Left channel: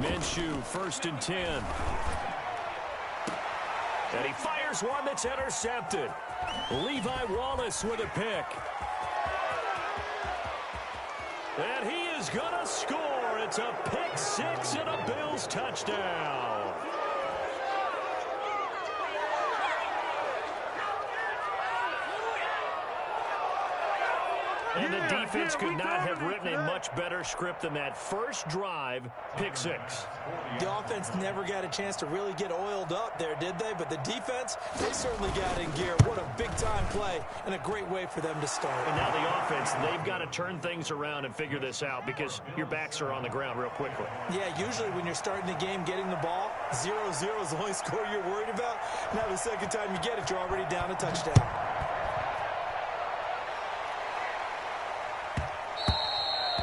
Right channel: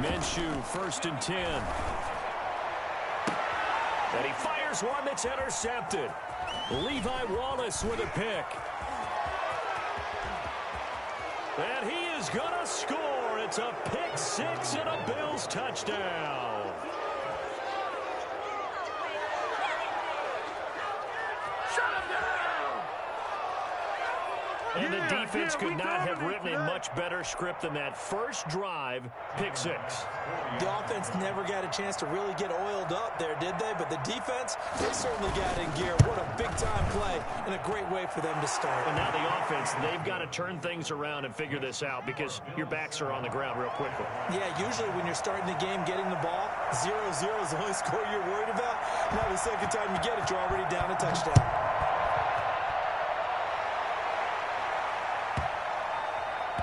Minshew, 1st and 10. And he fires one that's intercepted. Levi Wallace with a pick. And he is going to score. It's a pick six and a Bills touchdown. And the defense could not have written a much better script than that first drive, pick six. The offense never got a chance to really get oiled up there, did they? But the defense, they certainly got in gear. What a big-time play and a great way for them to start. And now the offense, they've got to turn things around and figure this out because your backs are on the ground real quickly. Yeah, usually when you're starting the game getting the ball, 0-0 is the only score you're worried about. Now the second time you get it, you're already down a touchdown.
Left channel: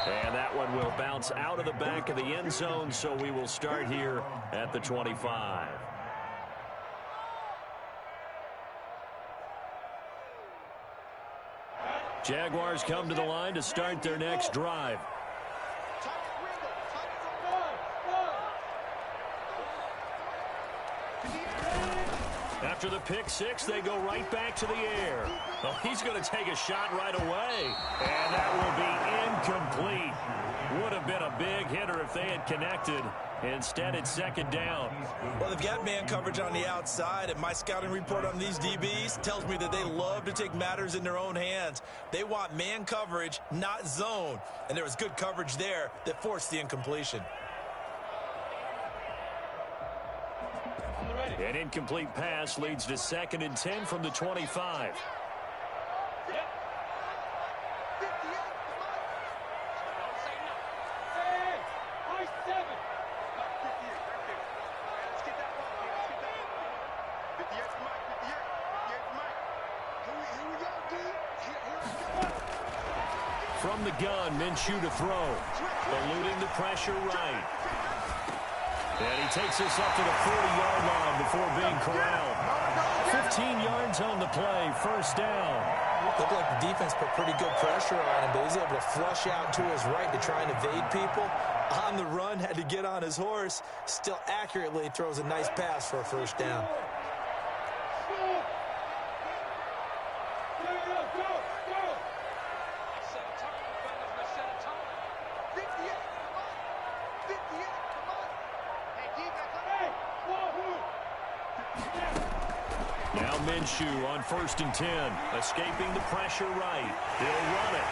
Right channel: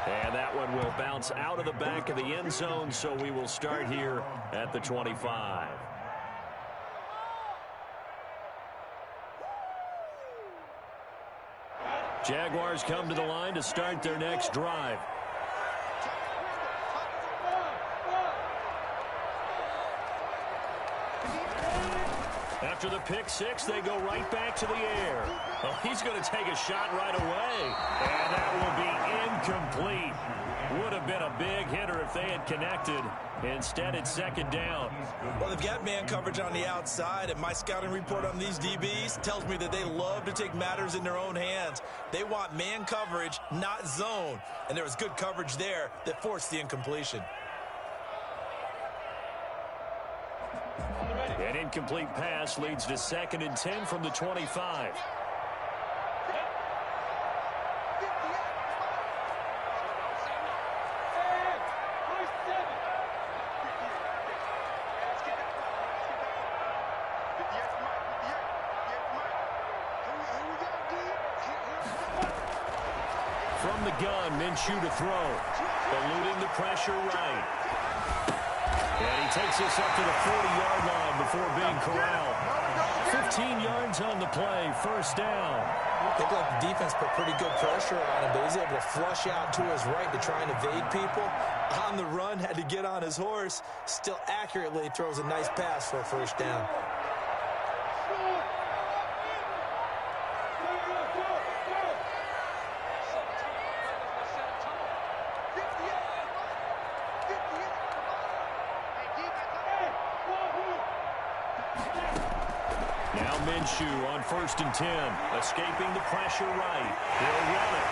And that one will bounce out of the back of the end zone, so we will start here at the 25. Jaguars come to the line to start their next drive. After the pick six, they go right back to the air. Oh, he's going to take a shot right away. And that will be incomplete. Would have been a big hitter if they had connected. Instead, it's second down. Well, they've got man coverage on the outside, and my scouting report on these DBs tells me that they love to take matters in their own hands. They want man coverage, not zone. And there was good coverage there that forced the incompletion. An incomplete pass leads to 2nd and 10 from the 25. From the gun, Minshew to throw. Eluding the pressure right. And he takes this up to the 40-yard line before being corralled. 15 yards on the play, first down. Looked like the defense put pretty good pressure on him, but he's able to flush out to his right to try and evade people. On the run, had to get on his horse. Still accurately throws a nice pass for a first down. Now Minshew on 1st and 10, escaping the pressure right. He'll run it.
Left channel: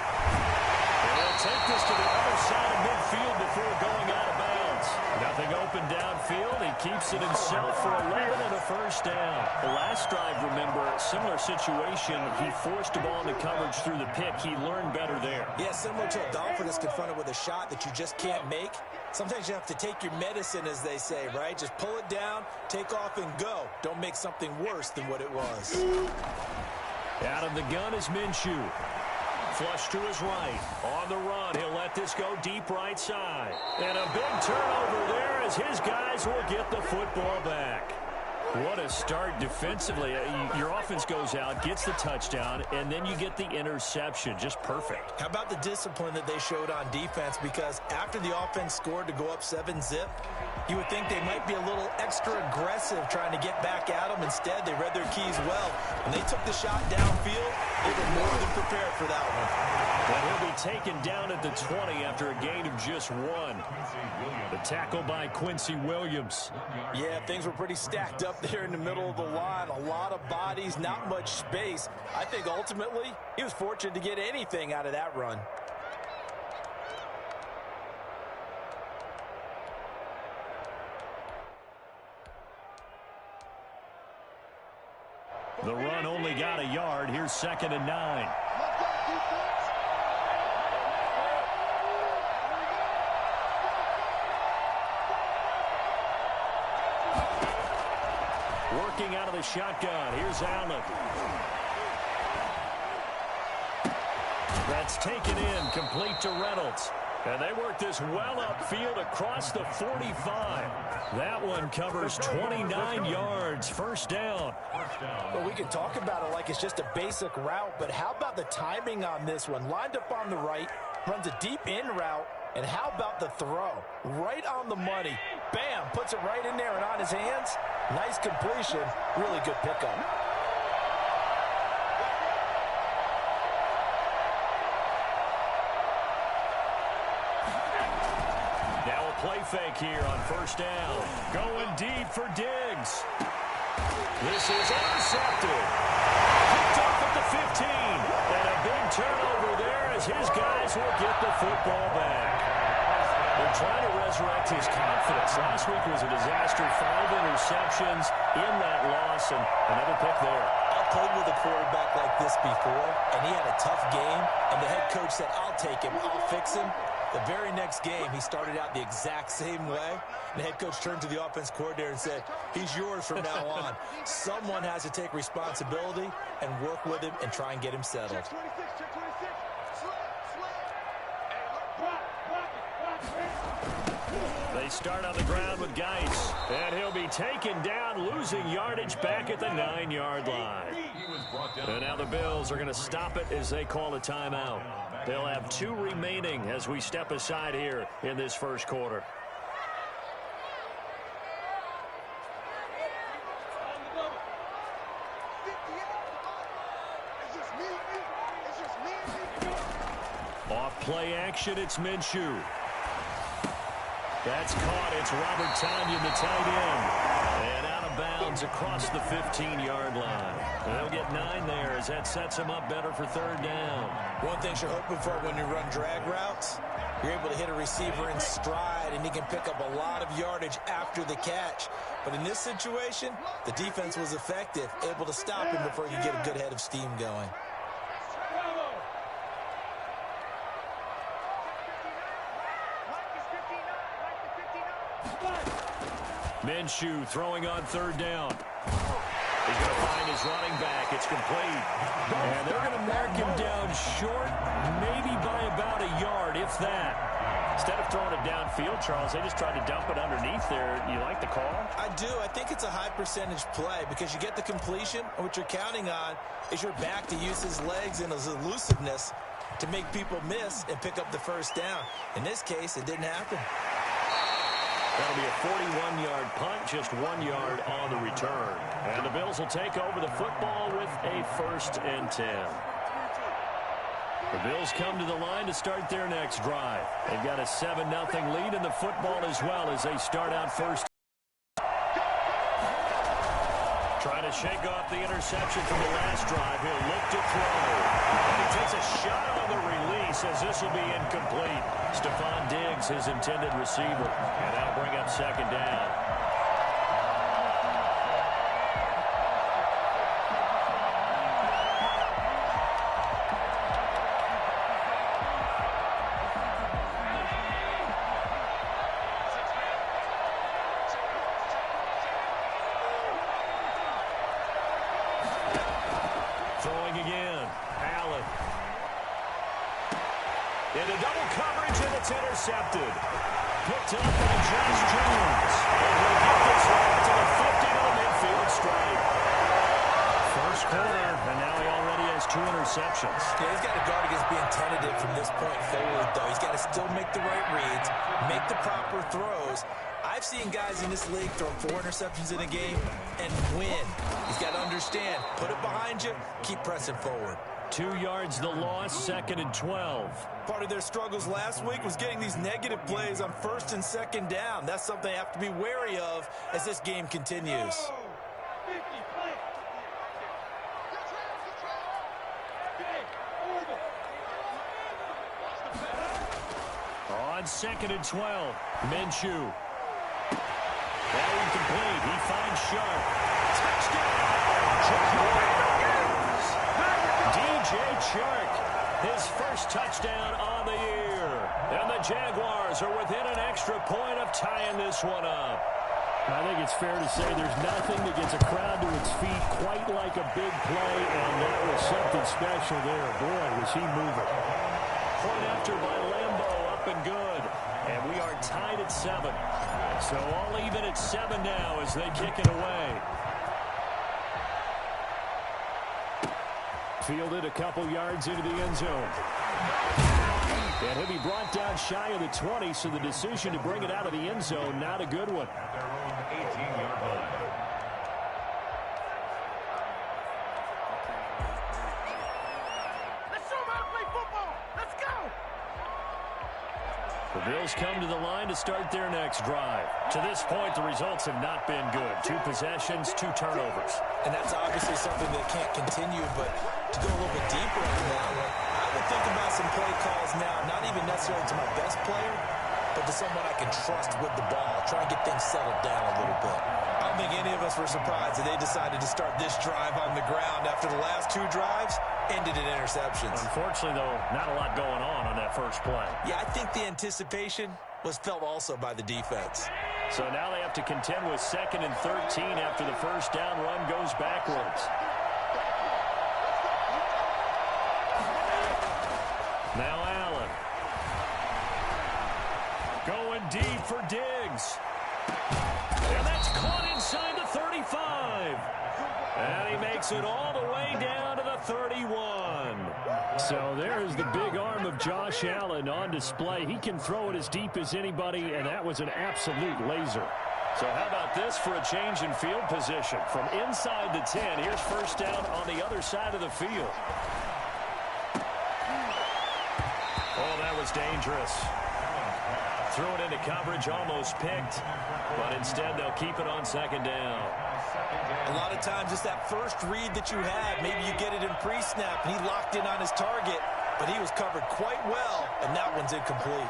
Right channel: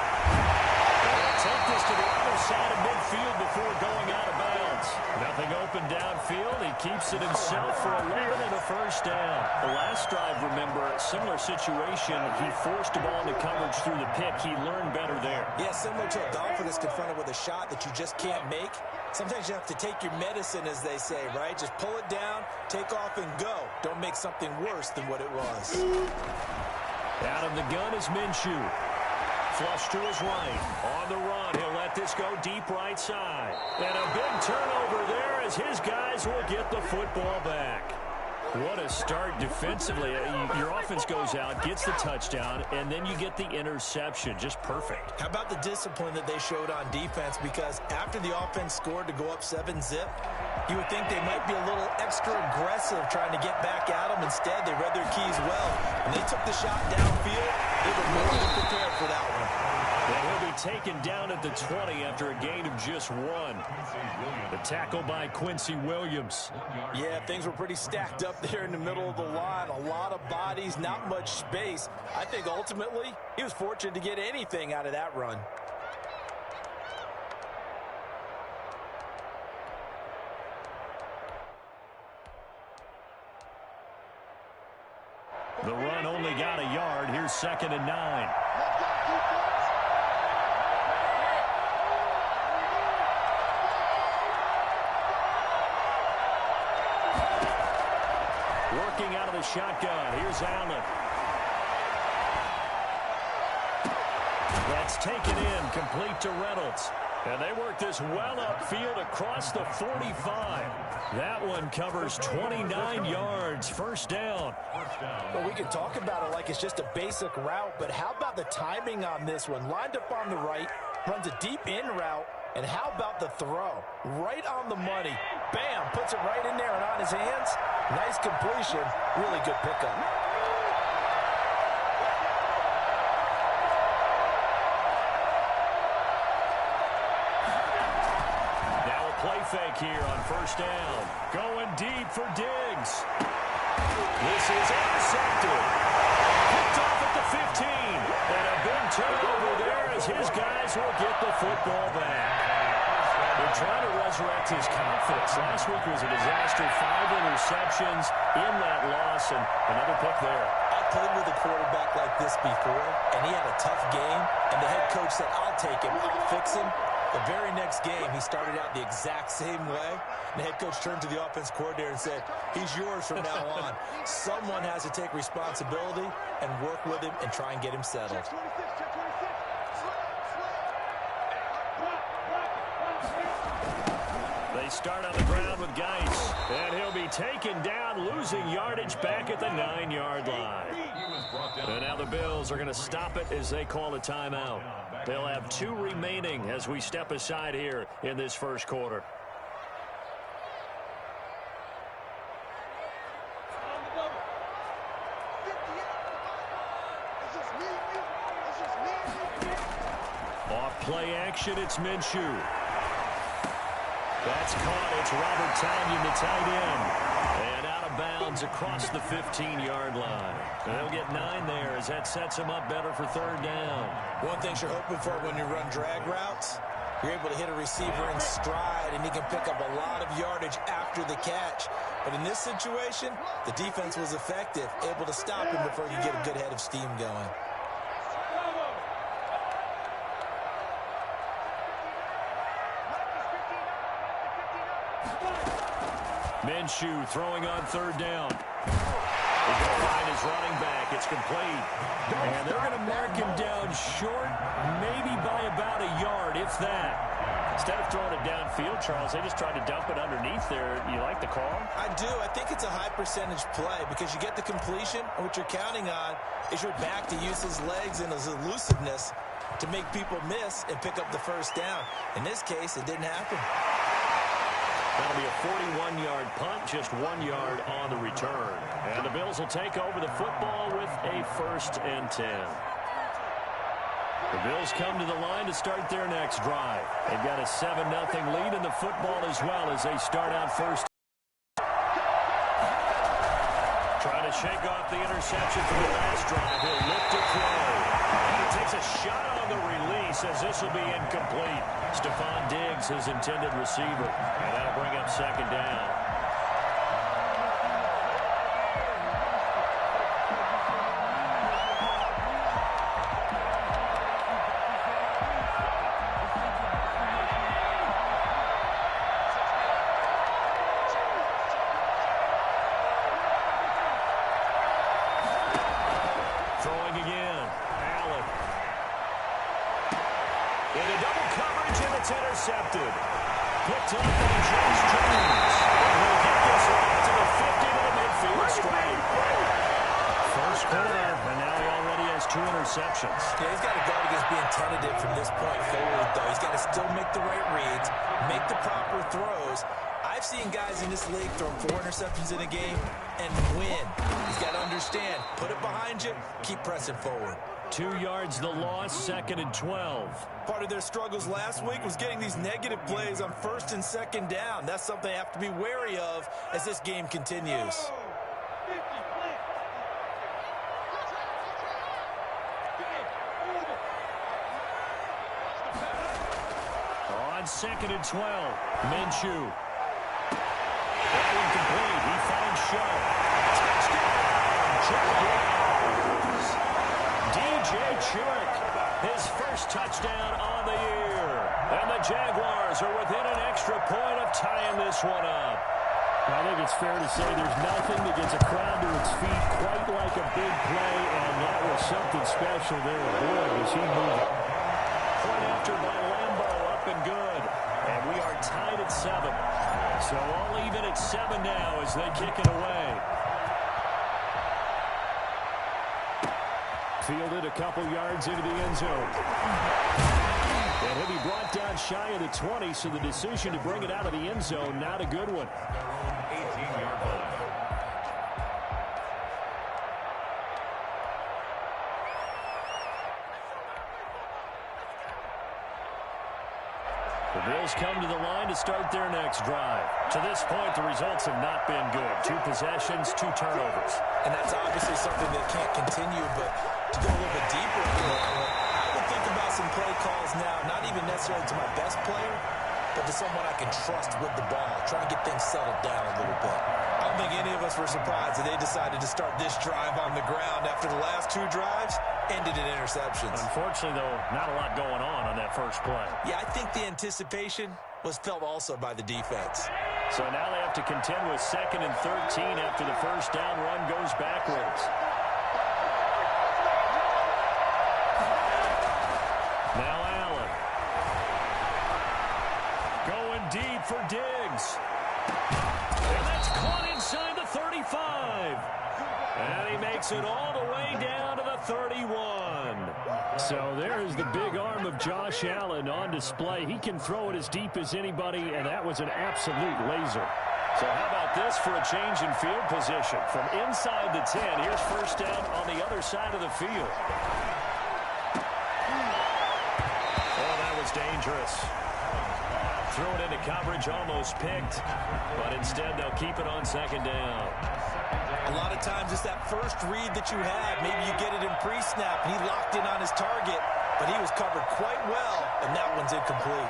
And he'll take this to the other side of midfield before going out of bounds. Nothing open downfield. He keeps it himself for 11 and a first down. The last drive, remember, similar situation. He forced the ball into coverage through the pick. He learned better there. Yeah, similar to a golfer that's confronted with a shot that you just can't make. Sometimes you have to take your medicine, as they say, right? Just pull it down, take off, and go. Don't make something worse than what it was. Out of the gun is Minshew. Flush to his right. On the run, he'll let this go deep right side. And a big turnover there as his guys will get the football back. What a start defensively. Your offense goes out, gets the touchdown, and then you get the interception. Just perfect. How about the discipline that they showed on defense? Because after the offense scored to go up 7-zip, you would think they might be a little extra aggressive trying to get back at them. Instead, they read their keys well. When they took the shot downfield, they were more than prepared for that one. And he'll be taken down at the 20 after a gain of just 1. The tackle by Quincy Williams. Yeah, things were pretty stacked up there in the middle of the line. A lot of bodies, not much space. I think ultimately he was fortunate to get anything out of that run. The run only got a yard. Here's 2nd and 9. Working out of the shotgun. Here's Allen. That's taken in, complete to Reynolds. And they work this well upfield across the 45. That one covers 29 yards, first down. Well, we can talk about it like it's just a basic route, but how about the timing on this one? Lined up on the right, runs a deep in route, And how about the throw? Right on the money. Bam! Puts it right in there and on his hands. Nice completion. Really good pickup. Now a play fake here on first down. Going deep for Diggs. This is intercepted. Picked off at the 15. And a big turnover there as his guys will get the football back. They're trying to resurrect his confidence. Last week was a disaster. 5 interceptions in that loss, and another pick there. I played with a quarterback like this before, and he had a tough game, and the head coach said, I'll take him, I'll fix him. The very next game, he started out the exact same way. The head coach turned to the offense coordinator and said, he's yours from now on. Someone has to take responsibility and work with him and try and get him settled. They start on the ground with Geis, and he'll be taken down, losing yardage back at the 9-yard line. And now the Bills are going to stop it as they call a timeout. They'll have 2 remaining as we step aside here in this first quarter. Off play action, it's Minshew. That's caught. It's Robert Tonyan, the tight end. And out of bounds across the 15-yard line. And they'll get 9 there as that sets them up better for third down. One thing you're hoping for when you run drag routes, you're able to hit a receiver in stride, and he can pick up a lot of yardage after the catch. But in this situation, the defense was effective, able to stop him before he could get a good head of steam going. Minshew throwing on third down. He's going to find his running back. It's complete. And they're going to mark him down short, maybe by about a yard, if that. Instead of throwing it downfield, Charles, they just tried to dump it underneath there. You like the call? I do. I think it's a high percentage play because you get the completion, and what you're counting on is your back to use his legs and his elusiveness to make people miss and pick up the first down. In this case, it didn't happen. That'll be a 41-yard punt, just 1 yard on the return. And the Bills will take over the football with a 1st and 10. The Bills come to the line to start their next drive. They've got a 7-0 lead in the football as well as they start out first. Trying to shake off the interception from the last drive. He'll look to throw. And he takes a shot on the release as this will be incomplete. Stephon Diggs, his intended receiver. And that'll bring up second down. Throwing again. Allen. Into double coverage, and it's intercepted. Picked up by Josh Jones. And he'll get this one out to the 50 to the midfield stripe. First quarter, and now he already has 2 interceptions. Yeah, he's got to guard against being tentative from this point forward, though. He's got to still make the right reads, make the proper throws. I've seen guys in this league throw 4 interceptions in a game and win. He's got to understand, put it behind you, keep pressing forward. 2 yards the loss, 2nd and 12. Part of their struggles last week was getting these negative plays on 1st and 2nd down. That's something they have to be wary of as this game continues. On 2nd and 12, Minshew. That one complete. He finds Sharp. Touchdown, Jaguars. DJ Chark, his first touchdown on the year. And the Jaguars are within an extra point of tying this one up. I think it's fair to say there's nothing that gets a crowd to its feet quite like a big play, and that was something special there. Boy, was he moving. Point after by Lambo, up and good. And we are tied at 7. So all even at 7 now as they kick it away. Fielded a couple yards into the end zone. And he'll be brought down shy of the 20, so the decision to bring it out of the end zone, not a good one. At their own 18-yard line. The Bills come to the line to start their next drive. To this point, the results have not been good. 2 possessions, 2 turnovers. And that's obviously something that can't continue, but to go a little bit deeper into that one, I would think about some play calls now, not even necessarily to my best player, but to someone I can trust with the ball. Try and get things settled down a little bit. I don't think any of us were surprised that they decided to start this drive on the ground after the last 2 drives ended in interceptions. Unfortunately, though, not a lot going on that first play. Yeah, I think the anticipation was felt also by the defense. So now they have to contend with 2nd and 13 after the first down run goes backwards. Now Allen. Going deep for Diggs. And that's caught inside the 35. And he makes it all the way down to the 31. So there's the big arm of Josh Allen on display. He can throw it as deep as anybody, and that was an absolute laser. So how about this for a change in field position? From inside the 10, here's first down on the other side of the field. Oh, that was dangerous. Threw it into coverage, almost picked, but instead they'll keep it on 2nd down. A lot of times it's that first read that you had. Maybe you get it in pre-snap, and he locked in on his target, but he was covered quite well, and that one's incomplete.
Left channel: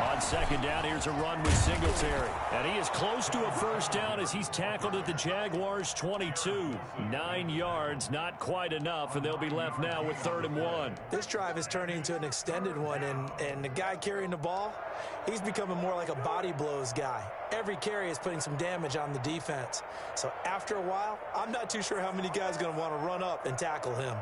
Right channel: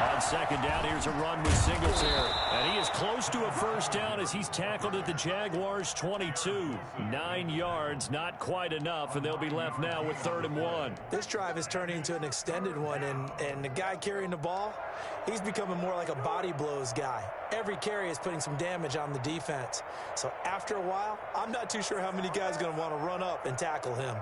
On 2nd down, here's a run with Singletary. And he is close to a first down as he's tackled at the Jaguars' 22. 9 yards, not quite enough, and they'll be left now with 3rd and 1. This drive is turning into an extended one, and the guy carrying the ball, he's becoming more like a body blows guy. Every carry is putting some damage on the defense. So after a while, I'm not too sure how many guys are going to want to run up and tackle him.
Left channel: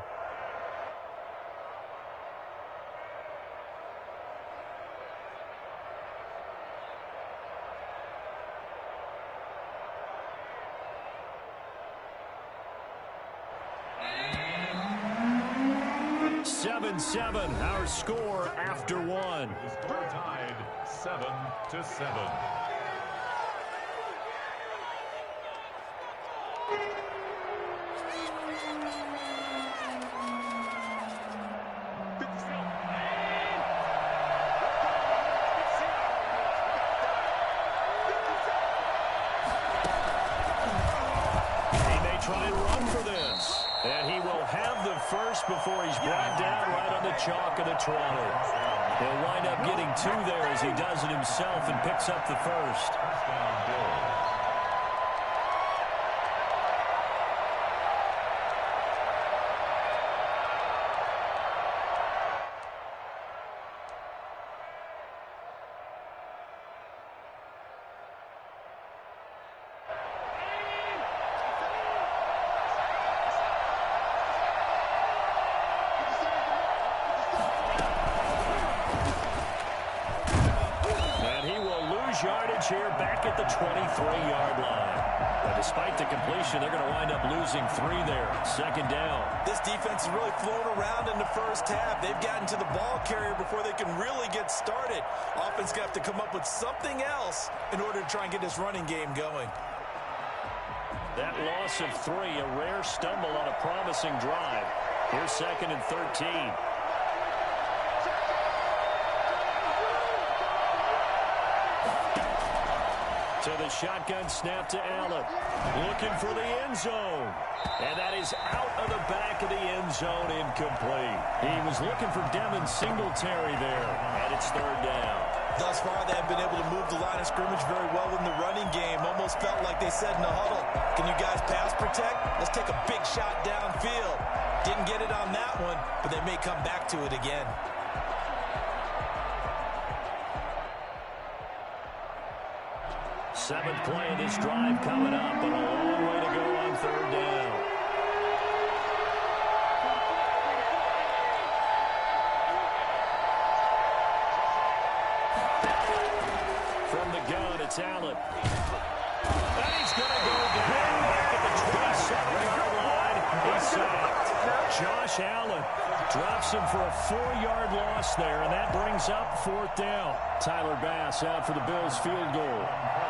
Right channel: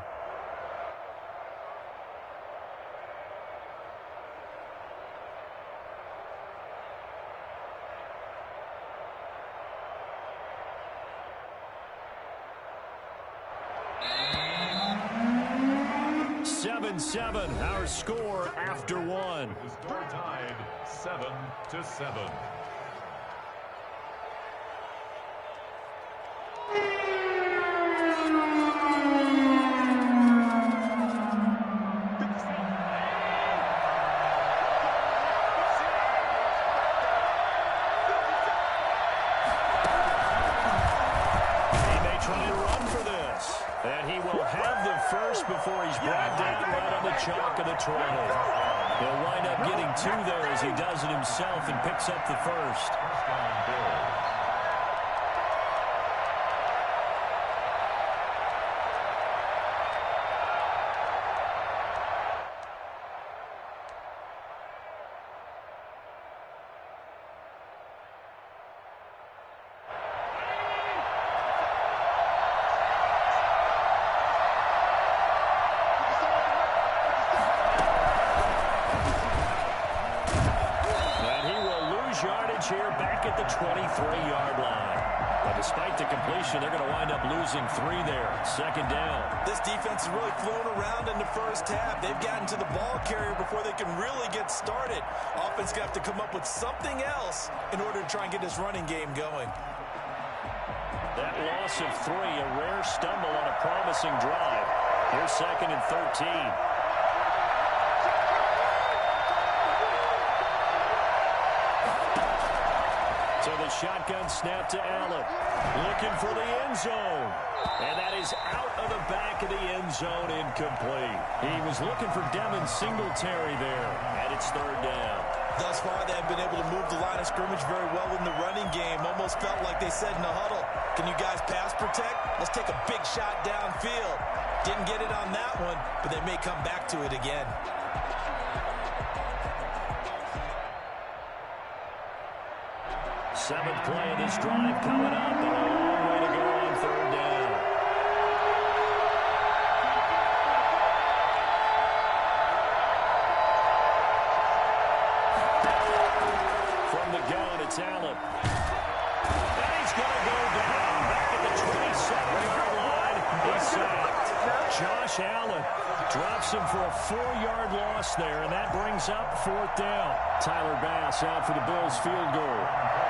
Seven, our score after 1. The score tied 7-7. He may try to run for this. And he will have the first before he's brought down right on the chalk of the 20. He'll wind up getting 2 there as he does it himself and picks up the first. First down, Bills. Yardage here back at the 23-yard line. But despite the completion, they're going to wind up losing 3 there. 2nd down. This defense has really flown around in the first half. They've gotten to the ball carrier before they can really get started. Offense going to have to come up with something else in order to try and get this running game going. That loss of 3, a rare stumble on a promising drive. Here's 2nd and 13. So the shotgun snap to Allen. Looking for the end zone. And that is out of the back of the end zone, incomplete. He was looking for Devin Singletary there. And it's 3rd down. Thus far, they have been able to move the line of scrimmage very well in the running game. Almost felt like they said in the huddle, can you guys pass protect? Let's take a big shot downfield. Didn't get it on that one, but they may come back to it again. Seventh play of this drive coming up, but a long way to go on 3rd down. From the gun, it's Allen. And he's going to go down back at the 27-yard line. He's sacked. Josh Allen drops him for a 4-yard loss there, and that brings up 4th down. Tyler Bass out for the Bills field goal.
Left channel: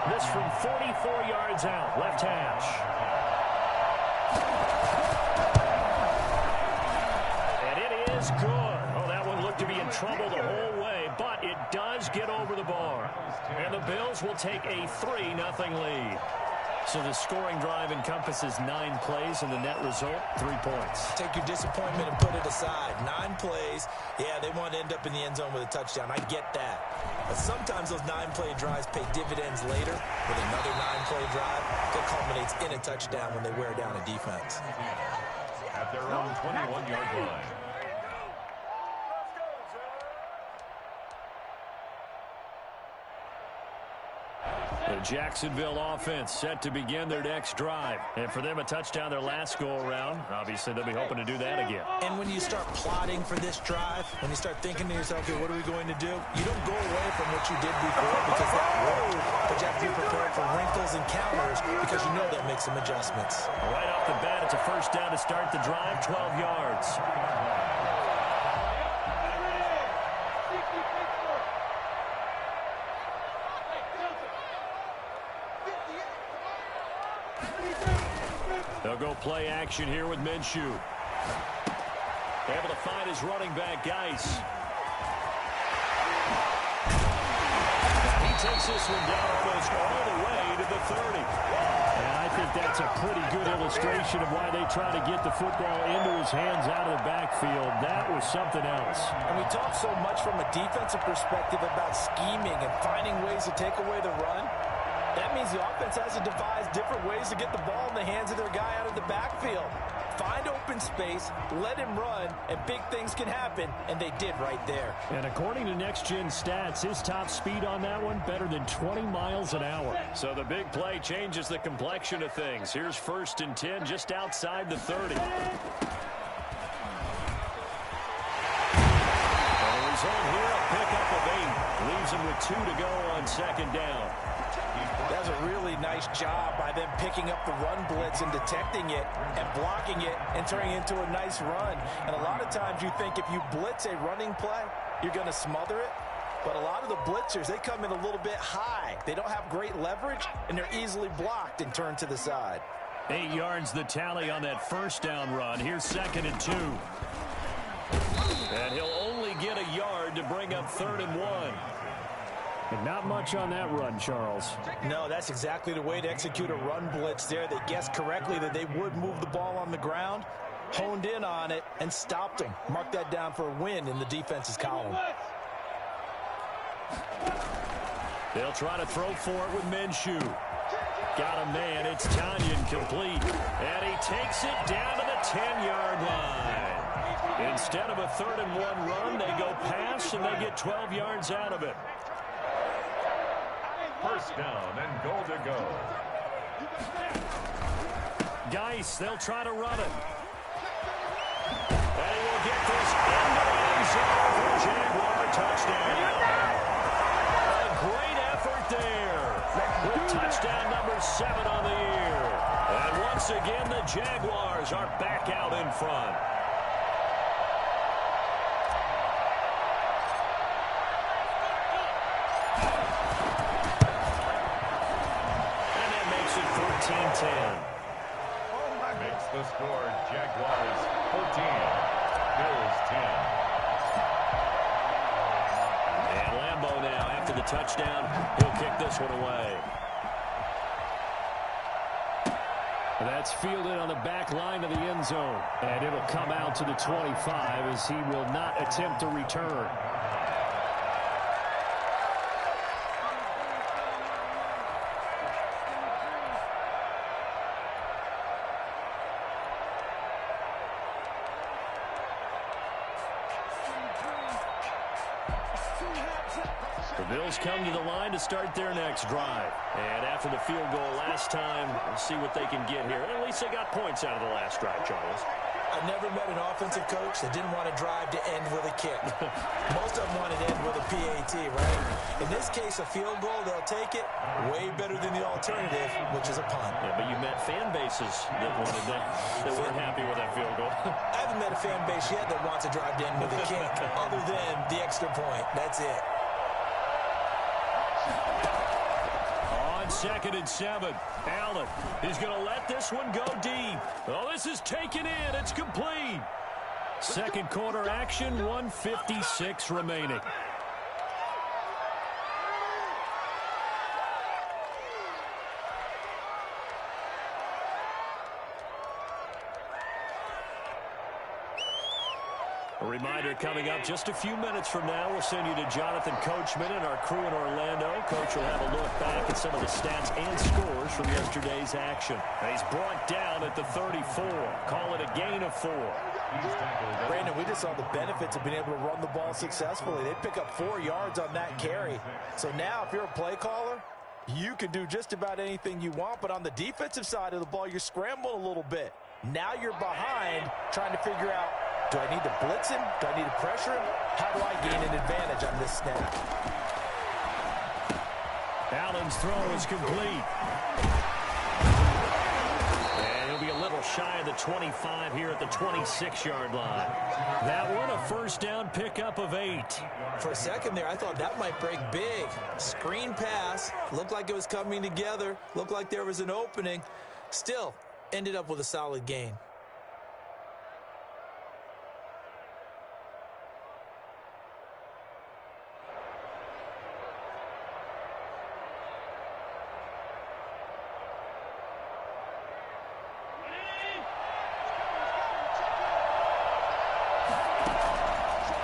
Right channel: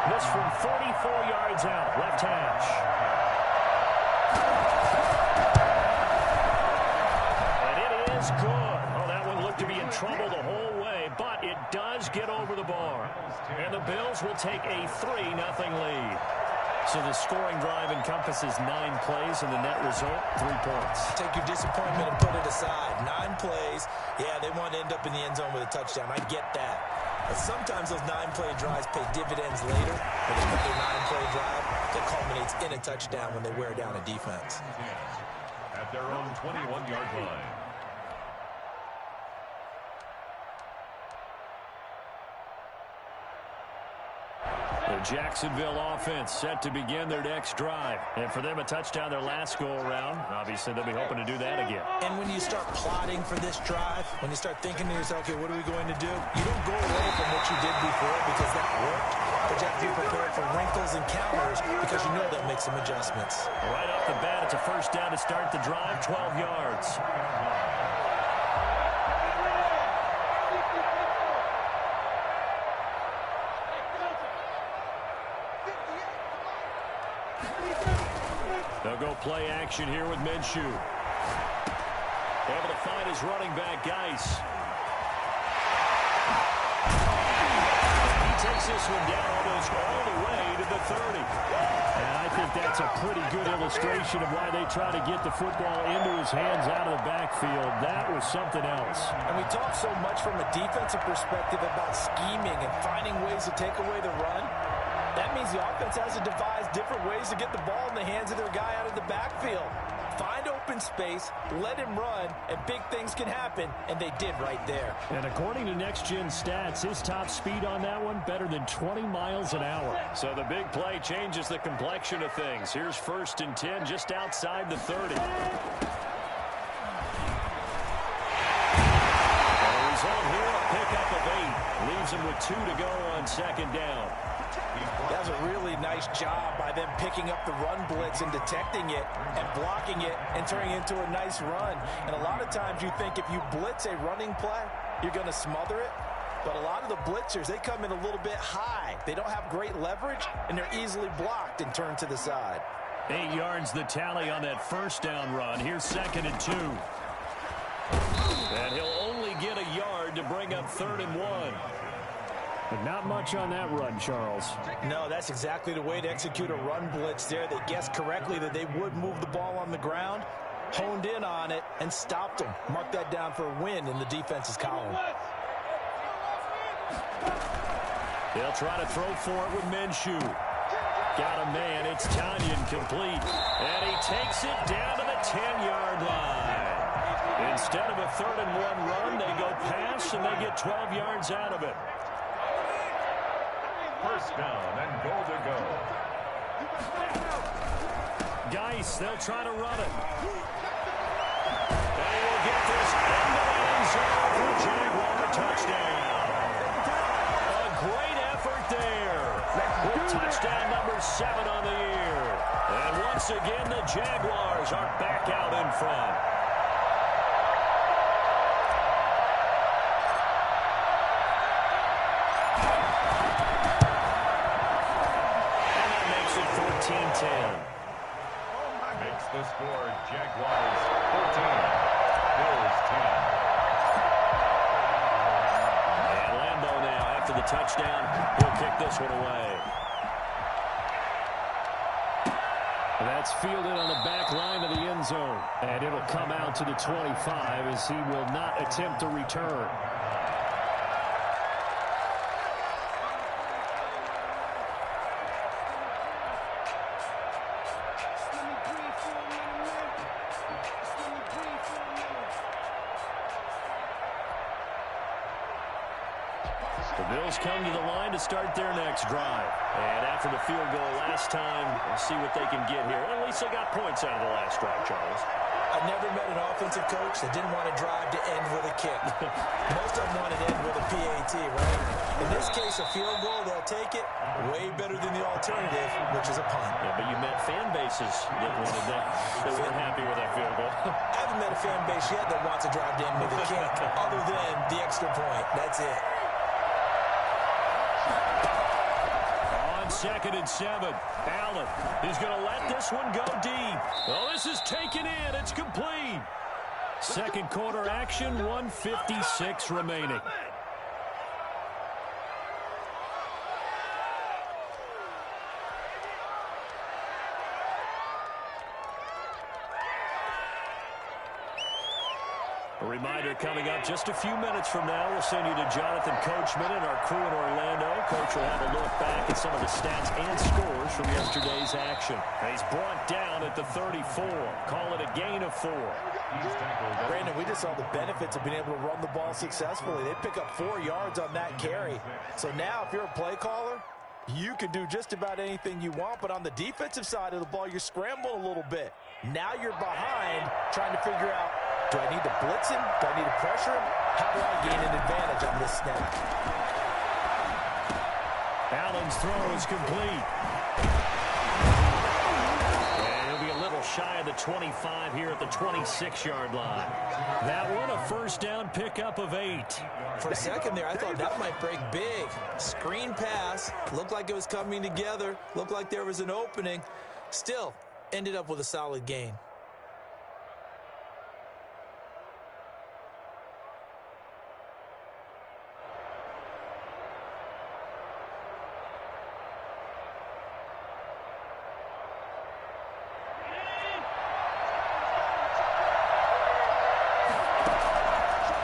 This from 44 yards out, left hash. And it is good. Oh, that one looked to be in trouble the whole way, but it does get over the bar. And the Bills will take a 3-0 lead. So the scoring drive encompasses 9 plays, and the net result, 3 points. Take your disappointment and put it aside. 9 plays. Yeah, they want to end up in the end zone with a touchdown. I get that. But sometimes those 9-play drives pay dividends later with another 9-play drive that culminates in a touchdown when they wear down a defense. At their own 21-yard line. The Jacksonville offense set to begin their next drive. And for them, a touchdown their last go-around. Obviously, they'll be hoping to do that again. And when you start plotting for this drive, when you start thinking to yourself, okay, what are we going to do? You don't go away from what you did before because that worked. But you have to be prepared for wrinkles and counters because you know they'll make some adjustments. Right off the bat, it's a first down to start the drive, 12 yards. They'll go play action here with Minshew. Able to find his running back, Geis. And he takes this one down almost all the way to the 30. And I think that's a pretty good illustration of why they try to get the football into his hands out of the backfield. That was something else. And we talk so much from a defensive perspective about scheming and finding ways to take away the run. That means the offense has to devise different ways to get the ball in the hands of their guy out of the backfield. Find open space, let him run, and big things can happen, and they did right there. And according to Next Gen Stats, his top speed on that one, better than 20 miles an hour. So the big play changes the complexion of things. Here's 1st and 10 just outside the 30. And the result here, a pickup of 8. Leaves him with 2 to go on 2nd down. That's a really nice job by them picking up the run blitz and detecting it and blocking it and turning it into a nice run. And a lot of times you think if you blitz a running play, you're going to smother it. But a lot of the blitzers, they come in a little bit high. They don't have great leverage, and they're easily blocked and turned to the side. 8 yards the tally on that 1st down run. Here's 2nd and 2. And he'll only get a yard to bring up 3rd and 1. But not much on that run, Charles. No, that's exactly the way to execute a run blitz there. They guessed correctly that they would move the ball on the ground, honed in on it, and stopped them. Mark that down for a win in the defense's column. They'll try to throw for it with Minshew. Got a man. It's Tanyan complete. And he takes it down to the 10-yard line. Instead of a 3rd and 1 run, they go pass, and they get 12 yards out of it. 1st down and goal to go. Geis, they'll try to run it. And he will get this into the end zone for a Jaguar touchdown. A great effort there with touchdown number 7 on the year. And once again, the Jaguars are back out in front. It 14-10. Makes the score Jaguars 14, Bills 10. And Lambeau now, after the touchdown, he'll kick this one away. That's fielded on the back line of the end zone. And it'll come out to the 25 as he will not attempt to return. The Bills come to the line to start their next drive. And after the field goal last time, we'll see what they can get here. At least they got points out of the last drive, Charles. I've never met an offensive coach that didn't want to drive to end with a kick. Most of them want to end with a PAT, right? In this case, a field goal, they'll take it way better than the alternative, which is a punt. Yeah, but you met fan bases that wanted that weren't happy with that field goal. I haven't met a fan base yet that wants to drive to end with a kick other than the extra point. That's it. On 2nd and 7, Allen. He's going to let this one go deep. Oh, this is taken in. It's complete. Second quarter action, 1:56 remaining. A reminder coming up just a few minutes from now, we'll send you to Jonathan Coachman and our crew in Orlando. Coach will have a look back at some of the stats and scores from yesterday's action. And he's brought down at the 34. Call it a gain of 4. Brandon, we just saw the benefits of being able to run the ball successfully. They pick up 4 yards on that carry. So now if you're a play caller, you can do just about anything you want. But on the defensive side of the ball, you're scrambling a little bit. Now you're behind trying to figure out, do I need to blitz him? Do I need to pressure him? How do I gain an advantage on this snap? Allen's throw is complete. And he'll be a little shy of the 25 here at the 26-yard line. That one a first down pickup of 8. For a second there, I thought that might break big. Screen pass. Looked like it was coming together. Looked like there was an opening. Still, ended up with a solid gain.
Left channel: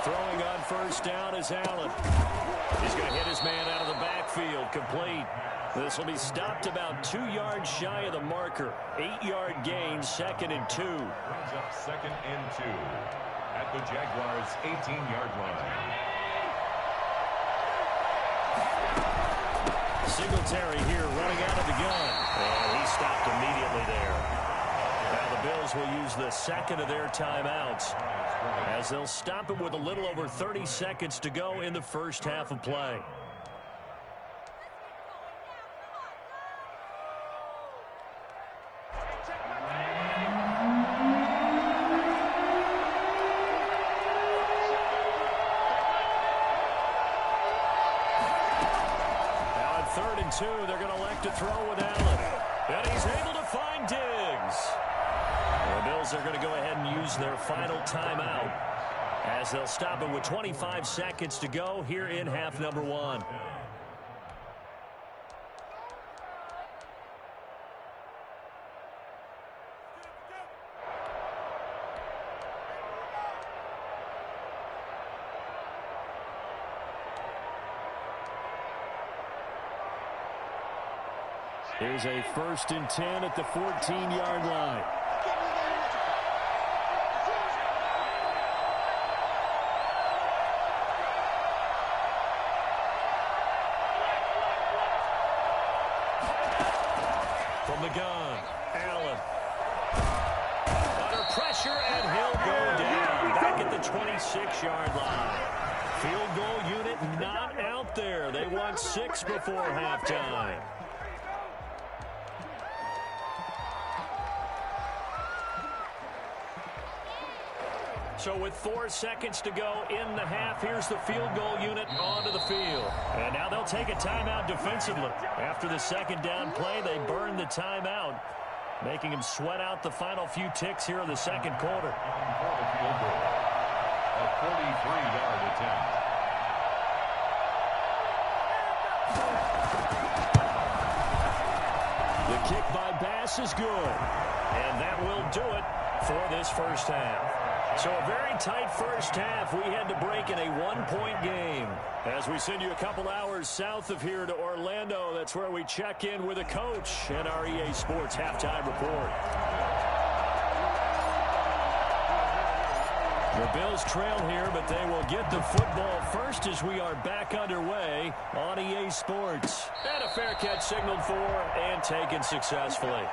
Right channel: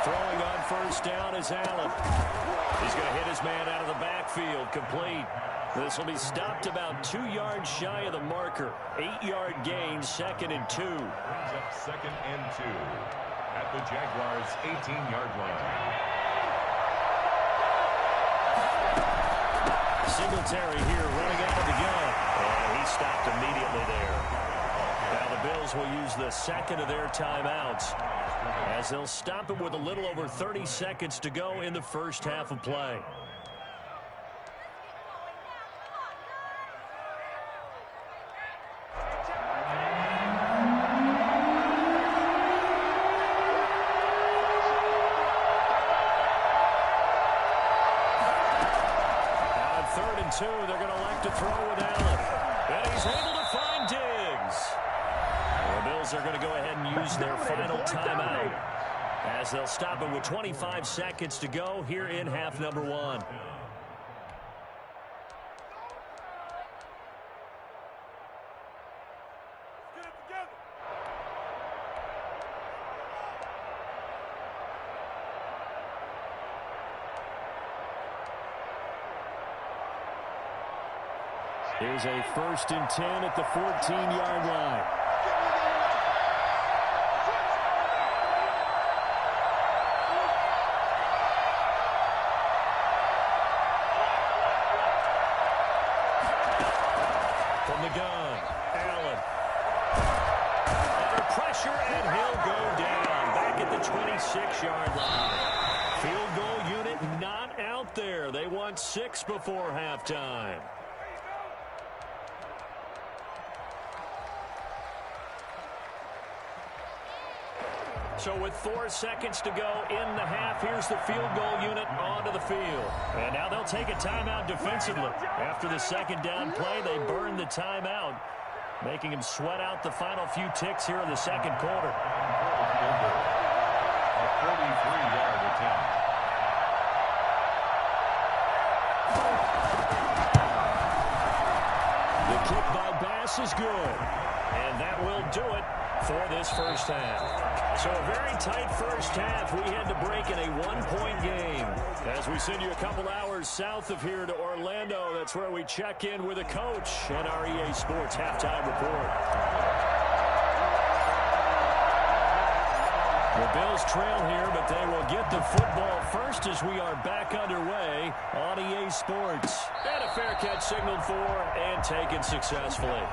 Throwing on first down is Allen. He's going to hit his man out of the backfield, complete. This will be stopped about 2 yards shy of the marker. 8-yard gain, 2nd and 2. Brings up 2nd and 2 at the Jaguars' 18-yard line. Singletary here running out of the gun. And he stopped immediately there. Now the Bills will use the second of their timeouts as they'll stop it with a little over 30 seconds to go in the first half of play. Now on 3rd and 2, they're going to elect to throw with Allen. And he's able to find Diggs. The Bills are going to go ahead and use their final timeout as they'll stop it with 25 seconds to go here in half number 1. Here's a 1st and 10 at the 14-yard line. From the gun, Allen. Under pressure, and he'll go down. Back at the 26-yard line. Field goal unit not out there. They want 6 before halftime. So with 4 seconds to go in the half, here's the field goal unit onto the field. And now they'll take a timeout defensively. After the second down play, they burn the timeout, making him sweat out the final few ticks here in the second quarter. For the field goal, a 43-yard attempt. The kick by Bass is good. And that will do it for this first half. So a very tight first half. We had to break in a 1-point game. As we send you a couple hours south of here to Orlando, that's where we check in with a coach and our EA Sports halftime report. The Bills trail here, but they will get the football first as we are back underway on EA Sports. And a fair catch signaled for and taken successfully.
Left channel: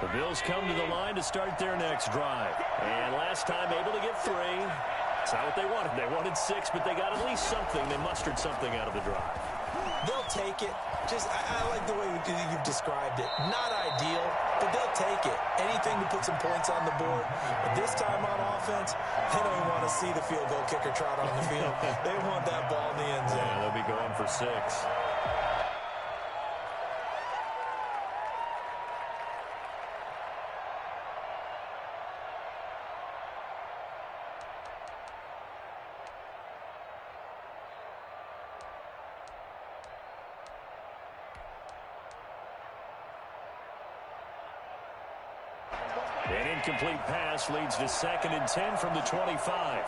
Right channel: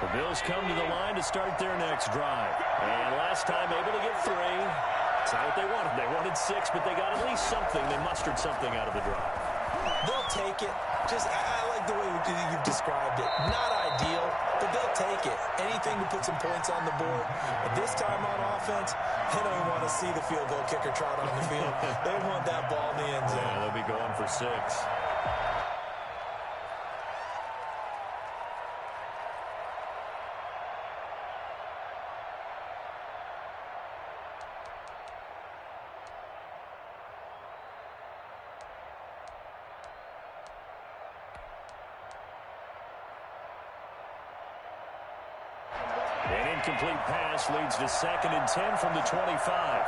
The Bills come to the line to start their next drive. And last time able to get 3. It's not what they wanted. They wanted 6, but they got at least something. They mustered something out of the drive. They'll take it. I like the way you've described it. Not ideal, but they'll take it. Anything to put some points on the board. But this time on offense, they don't even want to see the field goal kicker trot on the field. They want that ball in the end zone. Yeah, they'll be going for 6. An incomplete pass leads to 2nd and 10 from the 25.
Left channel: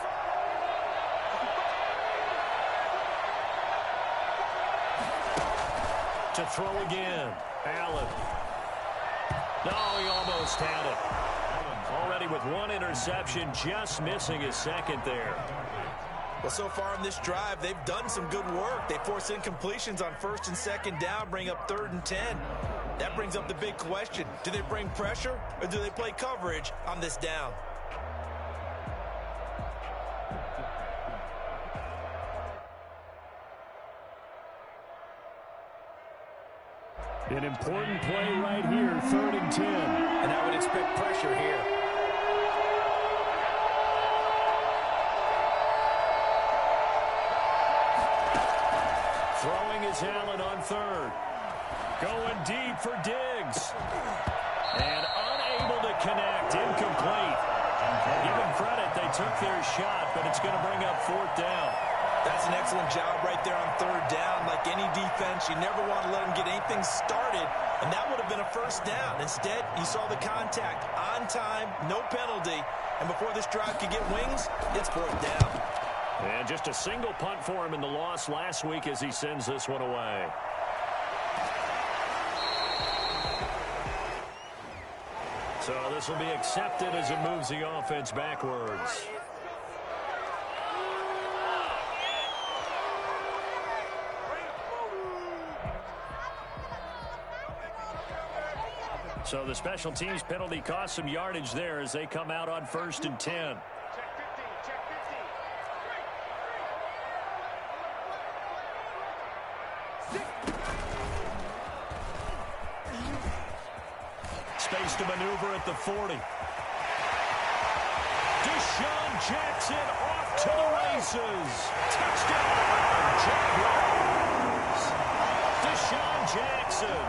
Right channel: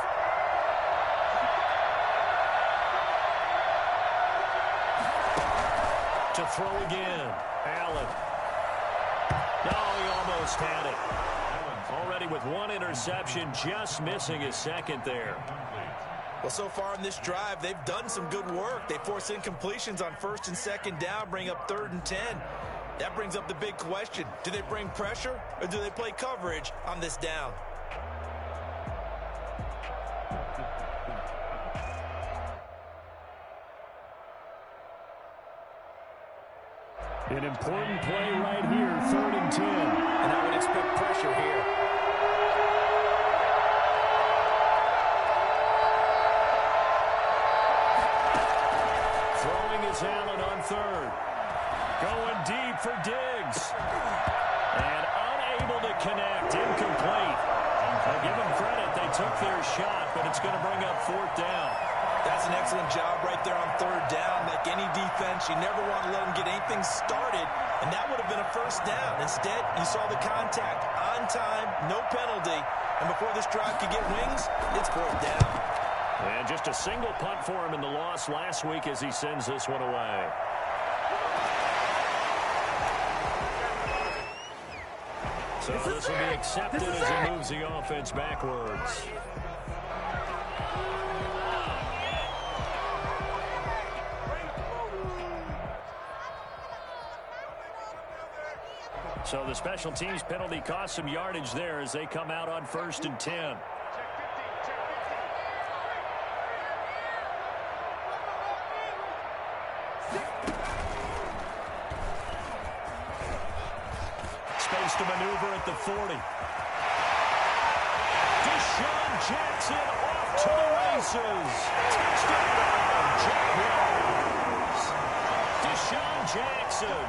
To throw again. Allen. No, he almost had it. Already with 1 interception, just missing his 2nd there. Well, so far in this drive, they've done some good work. They force incompletions on 1st and 2nd down, bring up 3rd and 10. That brings up the big question. Do they bring pressure or do they play coverage on this down? An important play right here, 3rd and 10. And I would expect pressure here. Throwing is Allen on 3rd. Going deep for Diggs. And unable to connect. Incomplete. I'll give them credit. They took their shot, but it's going to bring up 4th down. That's an excellent job right there on 3rd down. Like any defense, you never want to let them get anything started, and that would have been a 1st down. Instead, you saw the contact on time, no penalty, and before this drive could get wings, it's 4th down. And just a single punt for him in the loss last week as he sends this one away. So this will be accepted as it moves the offense backwards. So the special teams penalty cost some yardage there as they come out on 1st and 10. Space to maneuver at the 40. Deshaun Jackson off to the races. Touchdown, Jaguars. Deshaun Jackson,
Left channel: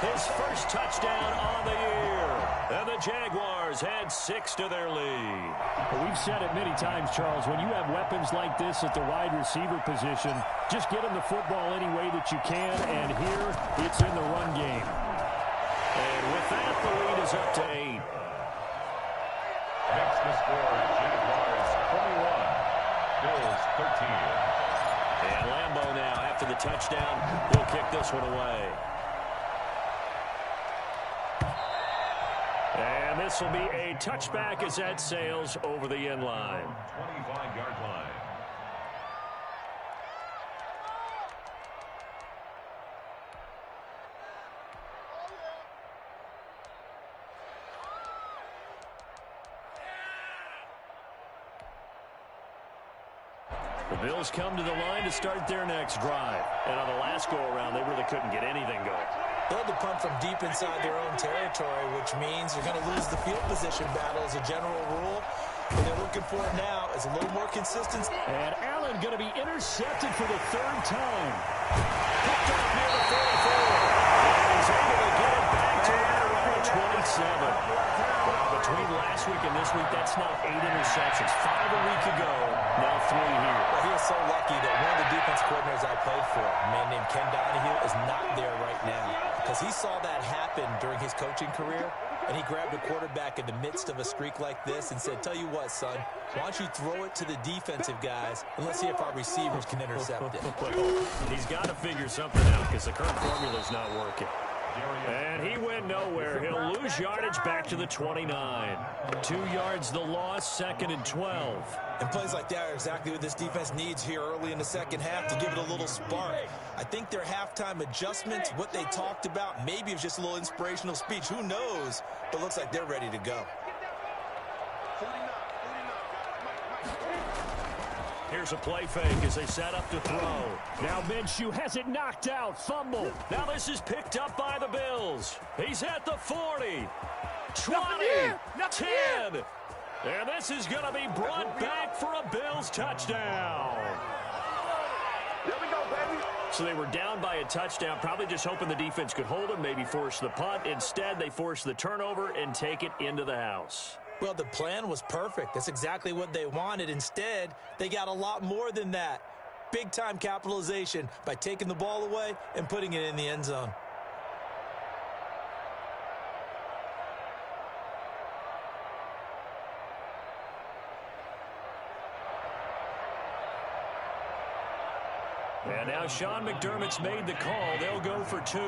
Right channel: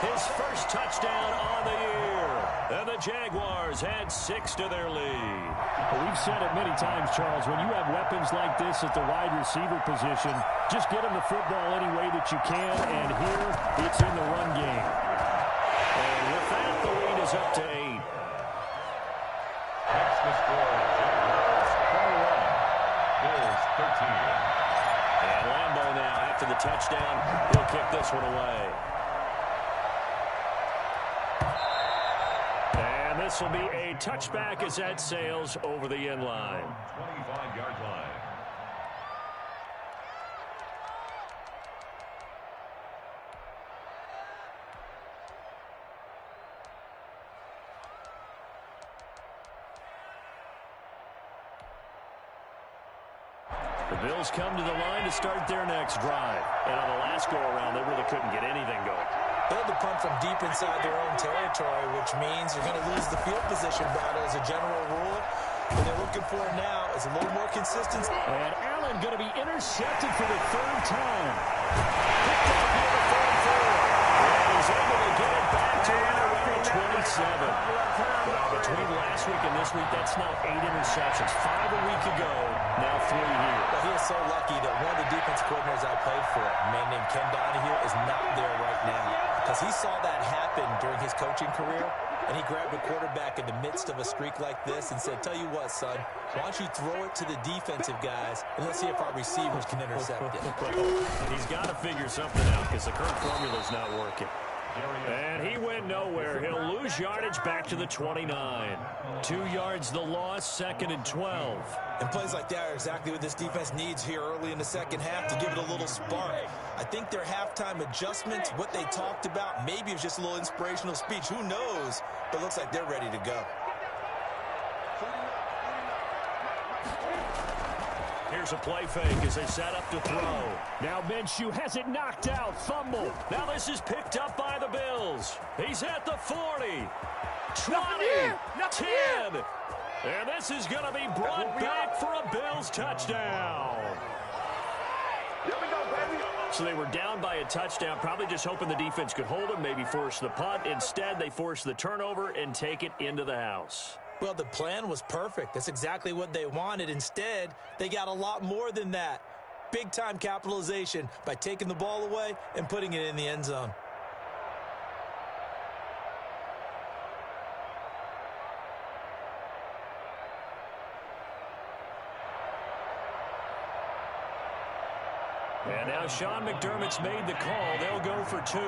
his first touchdown on the year. And the Jaguars add 6 to their lead. Well, we've said it many times, Charles, when you have weapons like this at the wide receiver position, just get them the football any way that you can, and here it's in the run game. And with that, the lead is up to 8. Makes the score Jaguars 21, Bills 13. And Lambeau now, after the touchdown, will kick this one away. And this will be a touchback as that sails over the end line. 25-yard line. The Bills come to the line to start their next drive. And on the last go-around, they really couldn't get anything going. They had to punt from deep inside their own territory, which means you're going to lose the field position battle as a general rule. What they're looking for now is a little more consistency. And Allen going to be intercepted for the 3rd time. Picked off near the 44. And he's able to get it back to right around the 27. Well, between last week and this week, that's now 8 interceptions. 5 a week ago, now 3 here. Well, he is so lucky that one of the defense coordinators I played for, a man named Ken Donahue, is not there right now. Because he saw that happen during his coaching career, and he grabbed a quarterback in the midst of a streak like this and said, tell you what, son, why don't you throw it to the defensive guys, and let's see if our receivers can intercept it. He's got to figure something out because the current formula is not working. And he went nowhere. He'll lose yardage back to the 29. 2 yards the loss, 2nd and 12. And plays like that are exactly what this defense needs here early in the second half to give it a little spark. I think their halftime adjustments, what they talked about, maybe it was just a little inspirational speech. Who knows? But looks like they're ready to go. Here's a play fake as they set up to throw. Now Minshew has it knocked out. Fumble. Now this is picked up by the Bills. He's at the 40, 20, 10. And this is going to be brought back for a Bills touchdown. There we go, baby. So they were down by a touchdown, probably just hoping the defense could hold them, maybe force the punt. Instead, they force the turnover and take it into the house. Well, the plan was perfect. That's exactly what they wanted. Instead, they got a lot more than that. Big-time capitalization by taking the ball away and putting it in the end zone. And now Sean McDermott's made the call. They'll go for 2.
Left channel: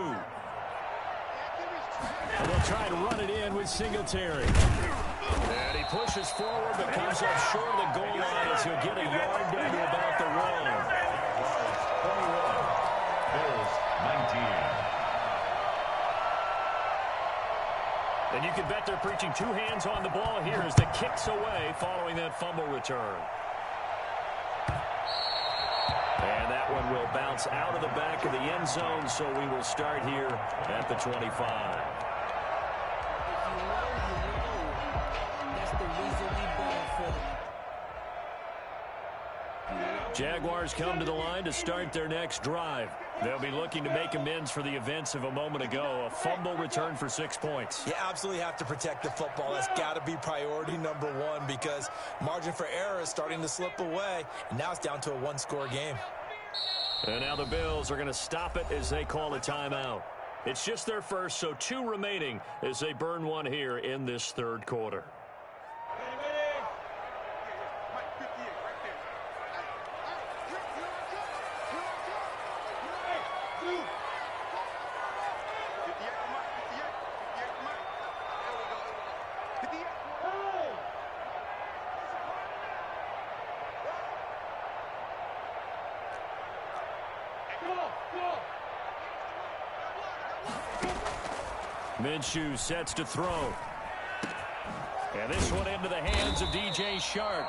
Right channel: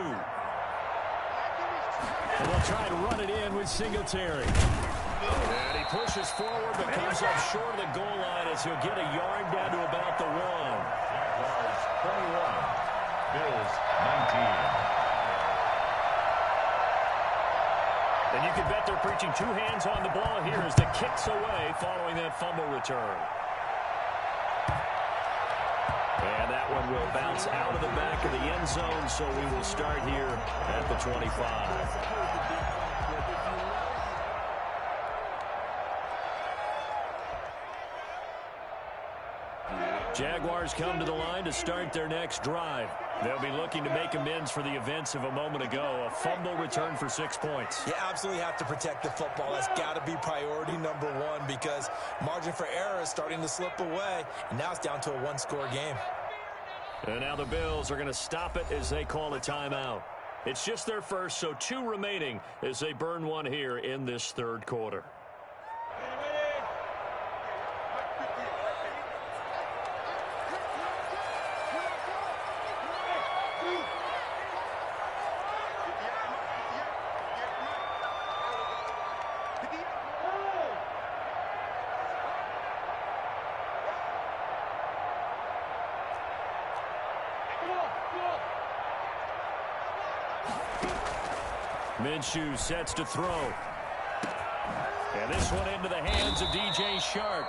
And they'll try to run it in with Singletary. And he pushes forward but comes up short of the goal line as he'll get a yard down to about the 1. Jaguars 21, Bills 19. And you can bet they're preaching 2 hands on the ball here as the kick's away following that fumble return. And that one will bounce out of the back of the end zone, so we will start here at the 25. Jaguars come to the line to start their next drive. They'll be looking to make amends for the events of a moment ago. A fumble return for 6 points. You absolutely have to protect the football. That's got to be priority number 1 because margin for error is starting to slip away, and now it's down to a 1-score game. And now the Bills are going to stop it as they call a timeout. It's just their first, so 2 remaining as they burn one here in this third quarter. Minshew sets to throw. And this one into the hands of DJ Shark.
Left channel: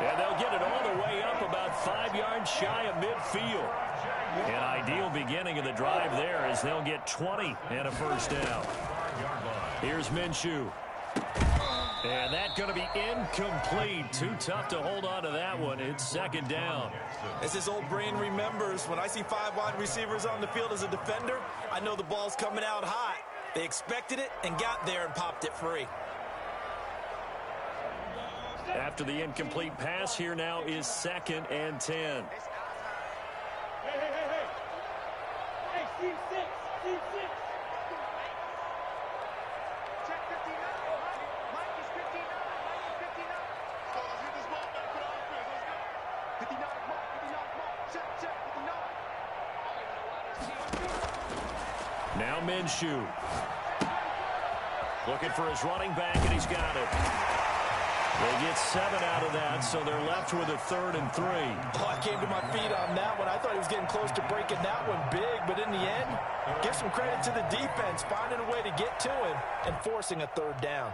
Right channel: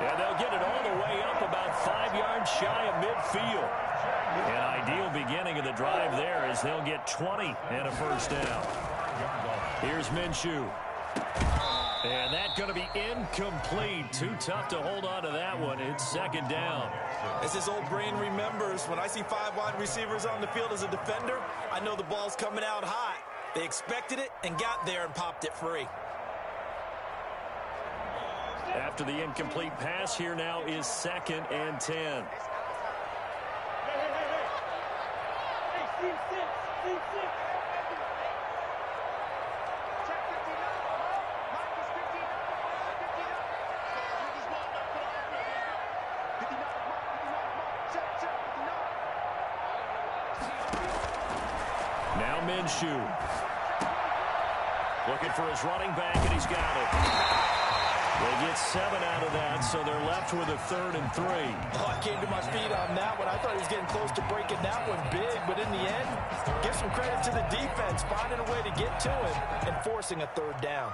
And they'll get it all the way up about 5 yards shy of midfield. An ideal beginning of the drive there as they'll get 20 and a first down. Here's Minshew. And that's going to be incomplete. Too tough to hold on to that one. It's second down. As his old brain remembers, when I see 5 wide receivers on the field as a defender, I know the ball's coming out hot. They expected it and got there and popped it free. After the incomplete pass, here now is 2nd and 10. Hey, team 6, team 6. Check 59. Mike is 59. Mike is 59. So let's hit this ball back for the offense. Let's go. 59 is Mike. 59 is Mike. Check, 59. Now Minshew. Looking for his running back, and he's got it. They get 7 out of that, so they're left with a 3rd and 3. Oh, I came to my feet on that one. I thought he was getting close to breaking that one big, but in the end, give some credit to the defense, finding a way to get to him and forcing a 3rd down.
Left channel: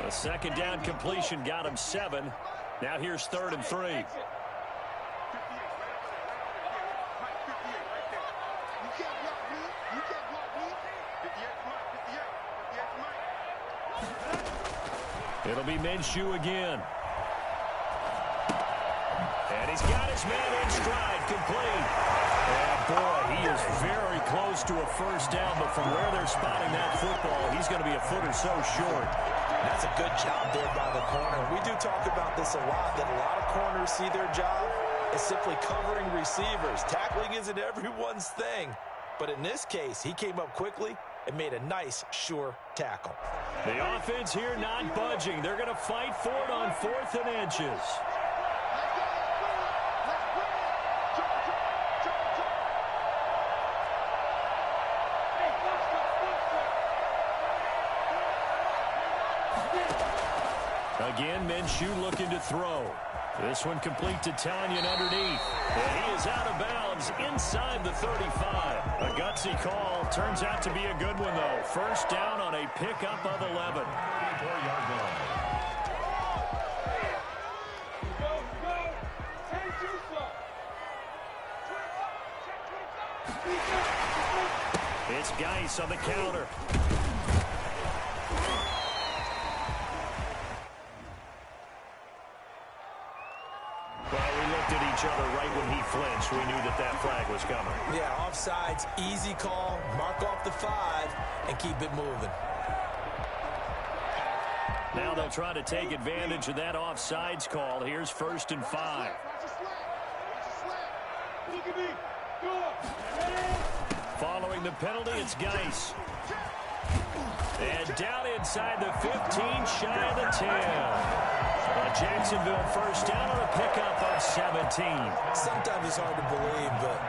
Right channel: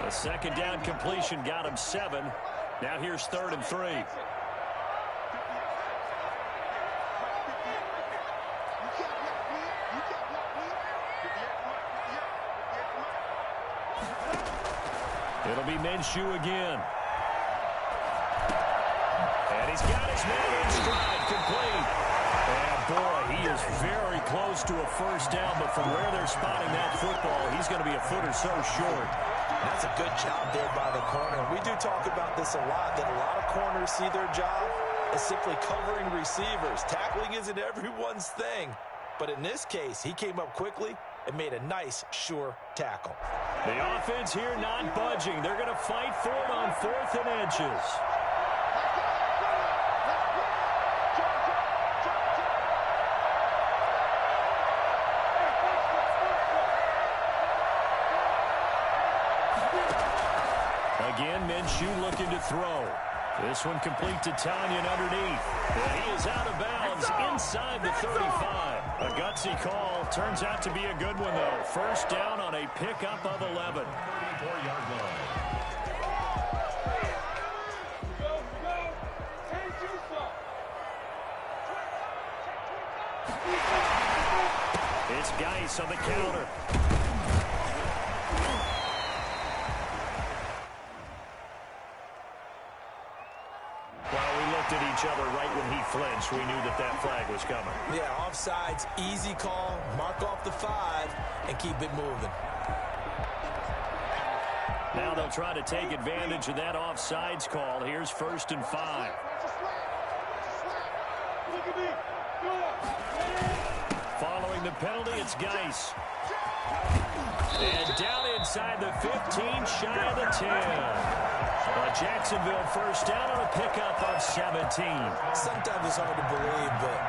A 2nd down completion got him 7. Now here's 3rd and 3. It'll be Minshew again. And he's got his man in stride, complete. And boy, he is very close to a first down, but from where they're spotting that football, he's going to be a foot or so short. That's a good job there by the corner. We do talk about this a lot, that a lot of corners see their job as simply covering receivers. Tackling isn't everyone's thing. But in this case, he came up quickly and made a nice, sure tackle. The offense here not budging. They're going to fight for it on 4th and inches. Again, Minshew looking to throw. This one complete to Tanyan underneath. And he is out of bounds inside the 35. A gutsy call. Turns out to be a good one, though. First down on a pickup of 11. 34-yard line. It's Geis on the counter. Well, we looked at each other right when he flinched. We knew that that flag was coming. Yeah, offsides, easy call. Mark off the 5 and keep it moving. Now they'll try to take advantage of that offsides call. Here's 1st and 5. Following the penalty, it's Geis. And down inside the 15, shy of the 10. Jacksonville first down on a pickup of 17. Sometimes it's hard to believe, but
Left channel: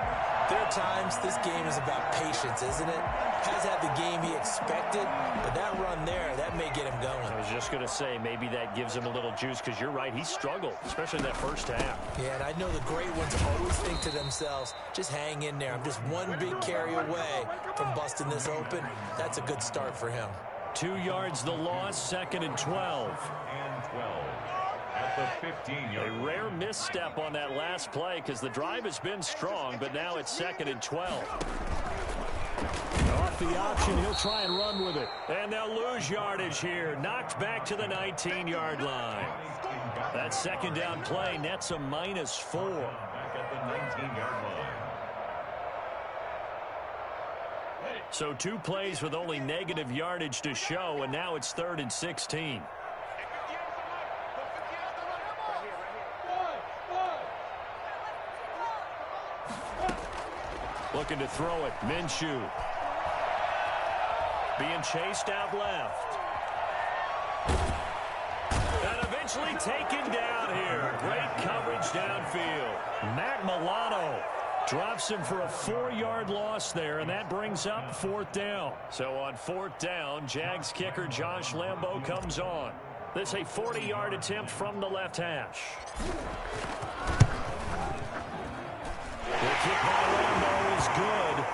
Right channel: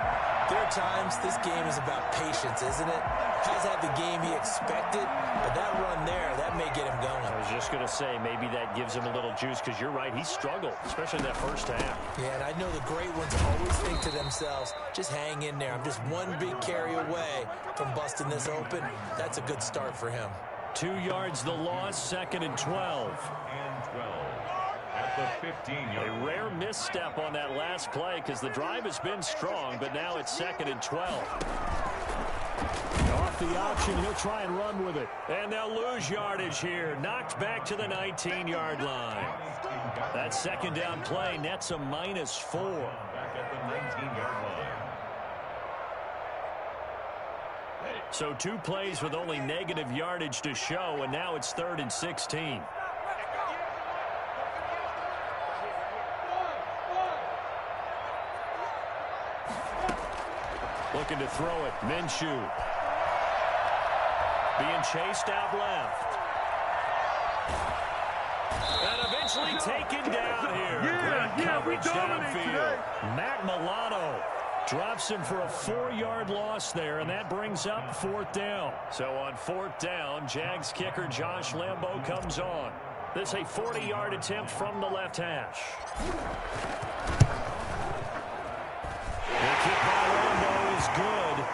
there are times this game is about patience, isn't it? Has had the game he expected, but that run there, that may get him going. I was just going to say, maybe that gives him a little juice, because you're right, he struggled, especially in that first half. Yeah, and I know the great ones always think to themselves, just hang in there. I'm just one big carry away from busting this open. That's a good start for him. 2 yards the loss, 2nd and 12. And 12 at the 15-yard A rare misstep on that last play because the drive has been strong, but now it's 2nd and 12. Off the option, he'll try and run with it. And they'll lose yardage here. Knocked back to the 19-yard line. That second down play nets a -4. Back at the 19-yard line. So 2 plays with only negative yardage to show, and now it's 3rd and 16. Looking to throw it. Minshew. Being chased out left. And eventually taken down here. Great coverage downfield. Matt Milano drops him for a 4-yard loss there, and that brings up 4th down. So on 4th down, Jags kicker Josh Lambo comes on. This a 40-yard attempt from the left hash. The kick by Lambo is good,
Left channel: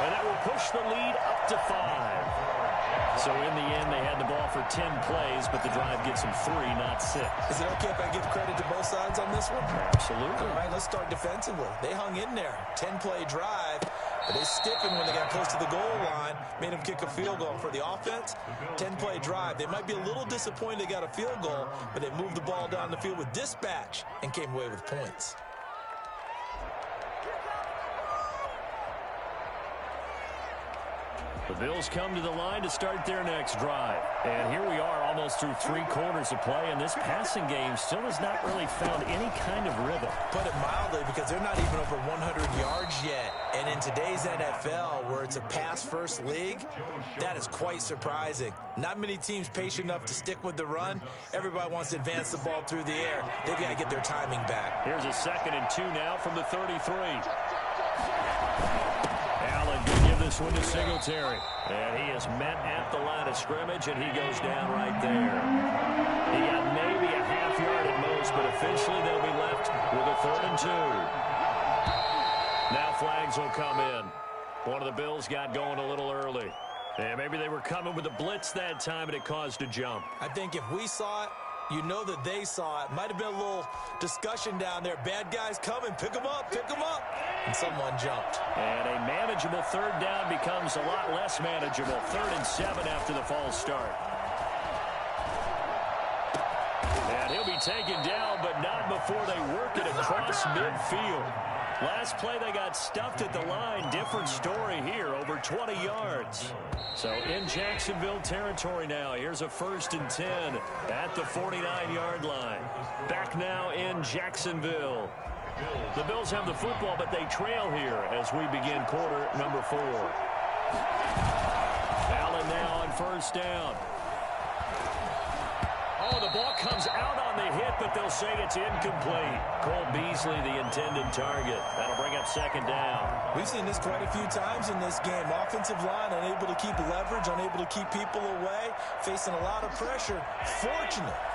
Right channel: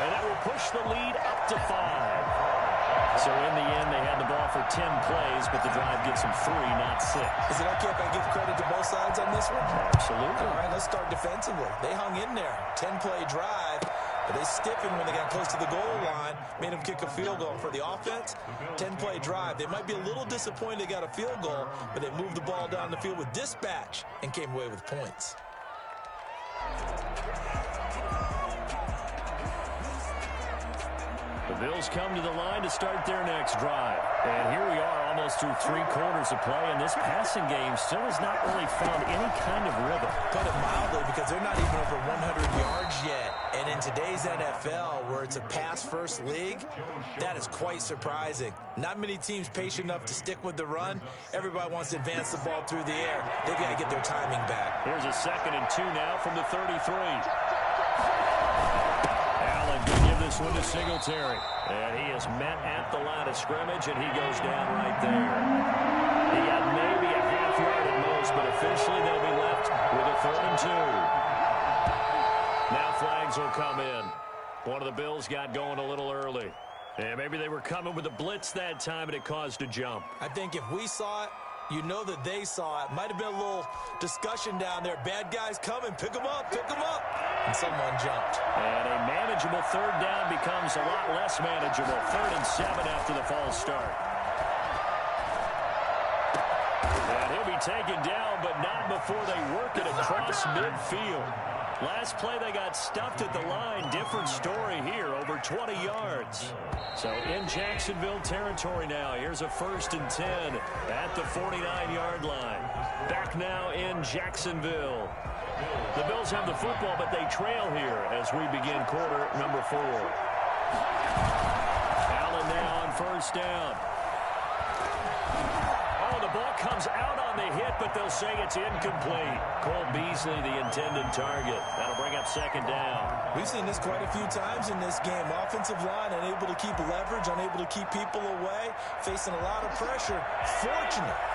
and that will push the lead up to 5. So in the end, they had the ball for 10 plays, but the drive gets them 3, not 6. Is it okay if I give credit to both sides on this one? Absolutely. All right, let's start defensively. They hung in there. 10-play drive, but they stiffened when they got close to the goal line, made them kick a field goal. For the offense, 10-play drive. They might be a little disappointed they got a field goal, but they moved the ball down the field with dispatch and came away with points. The Bills come to the line to start their next drive. And here we are almost through 3 quarters of play, and this passing game still has not really found any kind of rhythm. Put it mildly, because they're not even over 100 yards yet. And in today's NFL, where it's a pass-first league, that is quite surprising. Not many teams patient enough to stick with the run. Everybody wants to advance the ball through the air. They've got to get their timing back. Here's a 2nd and 2 now from the 33. Allen can give this one to Singletary. And he is met at the line of scrimmage, and he goes down right there. He got maybe a half yard at most, but officially they'll be left with a 3rd and 2. Now flags will come in. One of the Bills got going a little early. And maybe they were coming with a blitz that time, and it caused a jump. I think if we saw it, you know that they saw it. Might have been a little discussion down there. Bad guys coming. Pick them up. Pick them up. And someone jumped. And a manageable 3rd down becomes a lot less manageable. 3rd and 7 after the false start. And he'll be taken down, but not before they work it across midfield. Last play, they got stuffed at the line. Different story here, over 20 yards. So in Jacksonville territory now. Here's a 1st and 10 at the 49-yard line. Back now in Jacksonville. The Bills have the football, but they trail here as we begin quarter number 4. Allen now on 1st down. Oh, the ball comes out on the hit, but they'll say it's incomplete. Cole Beasley, the intended target. That'll bring up second down. We've seen this quite a few times in this game. Offensive line unable to keep leverage, unable to keep people away, facing a lot of pressure.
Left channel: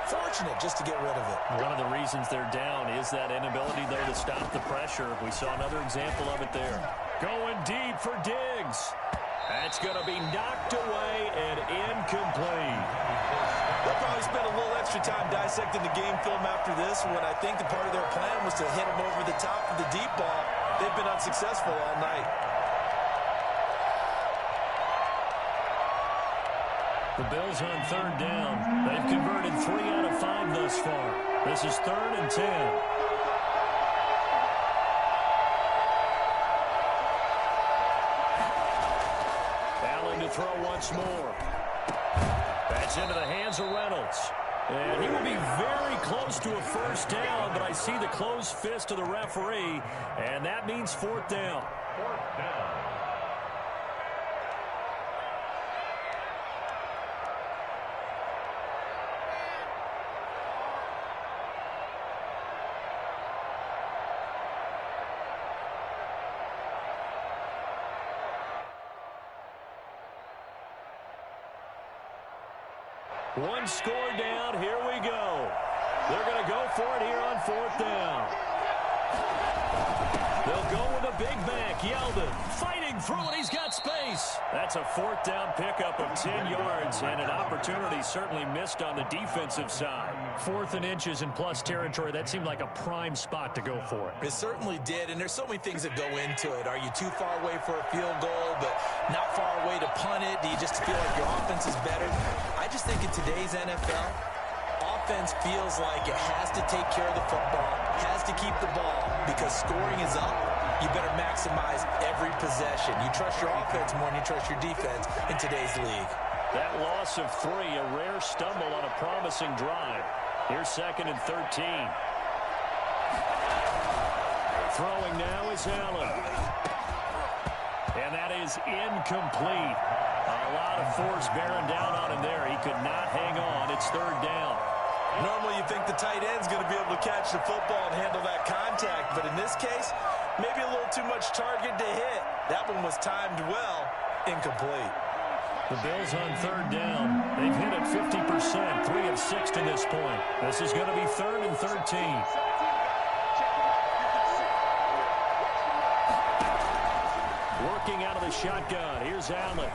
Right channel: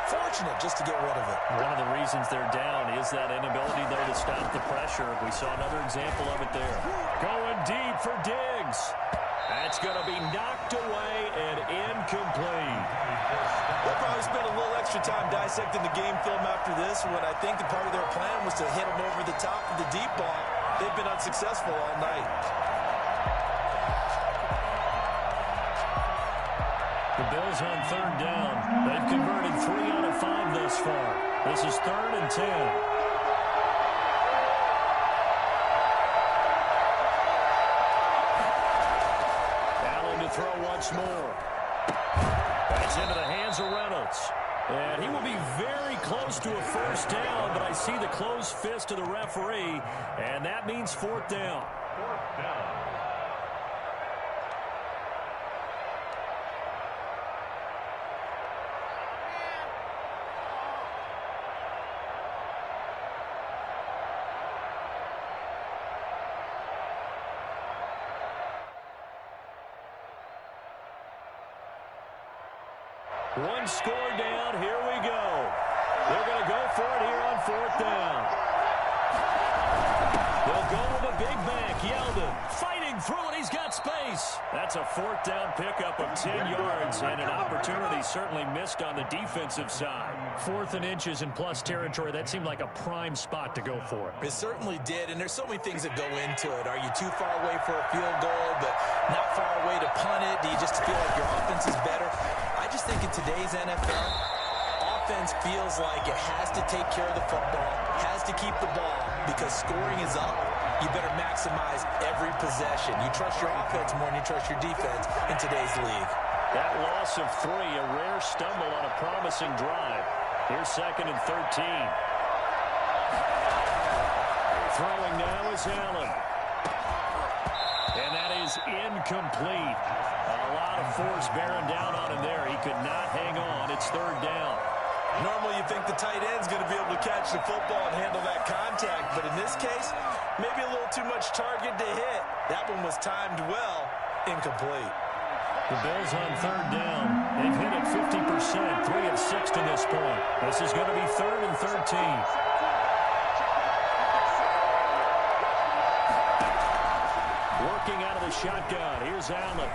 Fortunate just to get rid of it. One of the reasons they're down is that inability, though, to stop the pressure. We saw another example of it there. Going deep for Diggs. That's going to be knocked away and incomplete. They'll probably spend a little extra time dissecting the game film after this, when I think the part of their plan was to hit them over the top of the deep ball. They've been unsuccessful all night. The Bills on third down. They've converted 3 out of 5 thus far. This is 3rd and 10. To throw once more. That's into the hands of Reynolds. And he will be very close to a first down, but I see the closed fist of the referee, and that means 4th down. 4th down. One score down. Here we go. They're going to go for it here on 4th down. They'll go with a big back. Yeldon fighting through it. He's got space. That's a 4th down pickup of 10 yards and an opportunity certainly missed on the defensive side. 4th and inches in plus territory. That seemed like a prime spot to go for it. It certainly did, and there's so many things that go into it. Are you too far away for a field goal, but not far away to punt it? Do you just feel like your offense is better? I just think in today's NFL, offense feels like it has to take care of the football, has to keep the ball, because scoring is up. You better maximize every possession. You trust your offense more than you trust your defense in today's league. That loss of 3, a rare stumble on a promising drive. Here's 2nd and 13. Throwing now is Allen. And that is incomplete. A lot of force bearing down on him there. He could not hang on. It's 3rd down. Normally you think the tight end's going to be able to catch the football and handle that contact, but in this case, maybe a little too much target to hit. That one was timed well, incomplete. The Bills on 3rd down. They've hit it 50%, 3 of 6 to this point. This is going to be 3rd and 13. Working out of the shotgun. Here's Allen.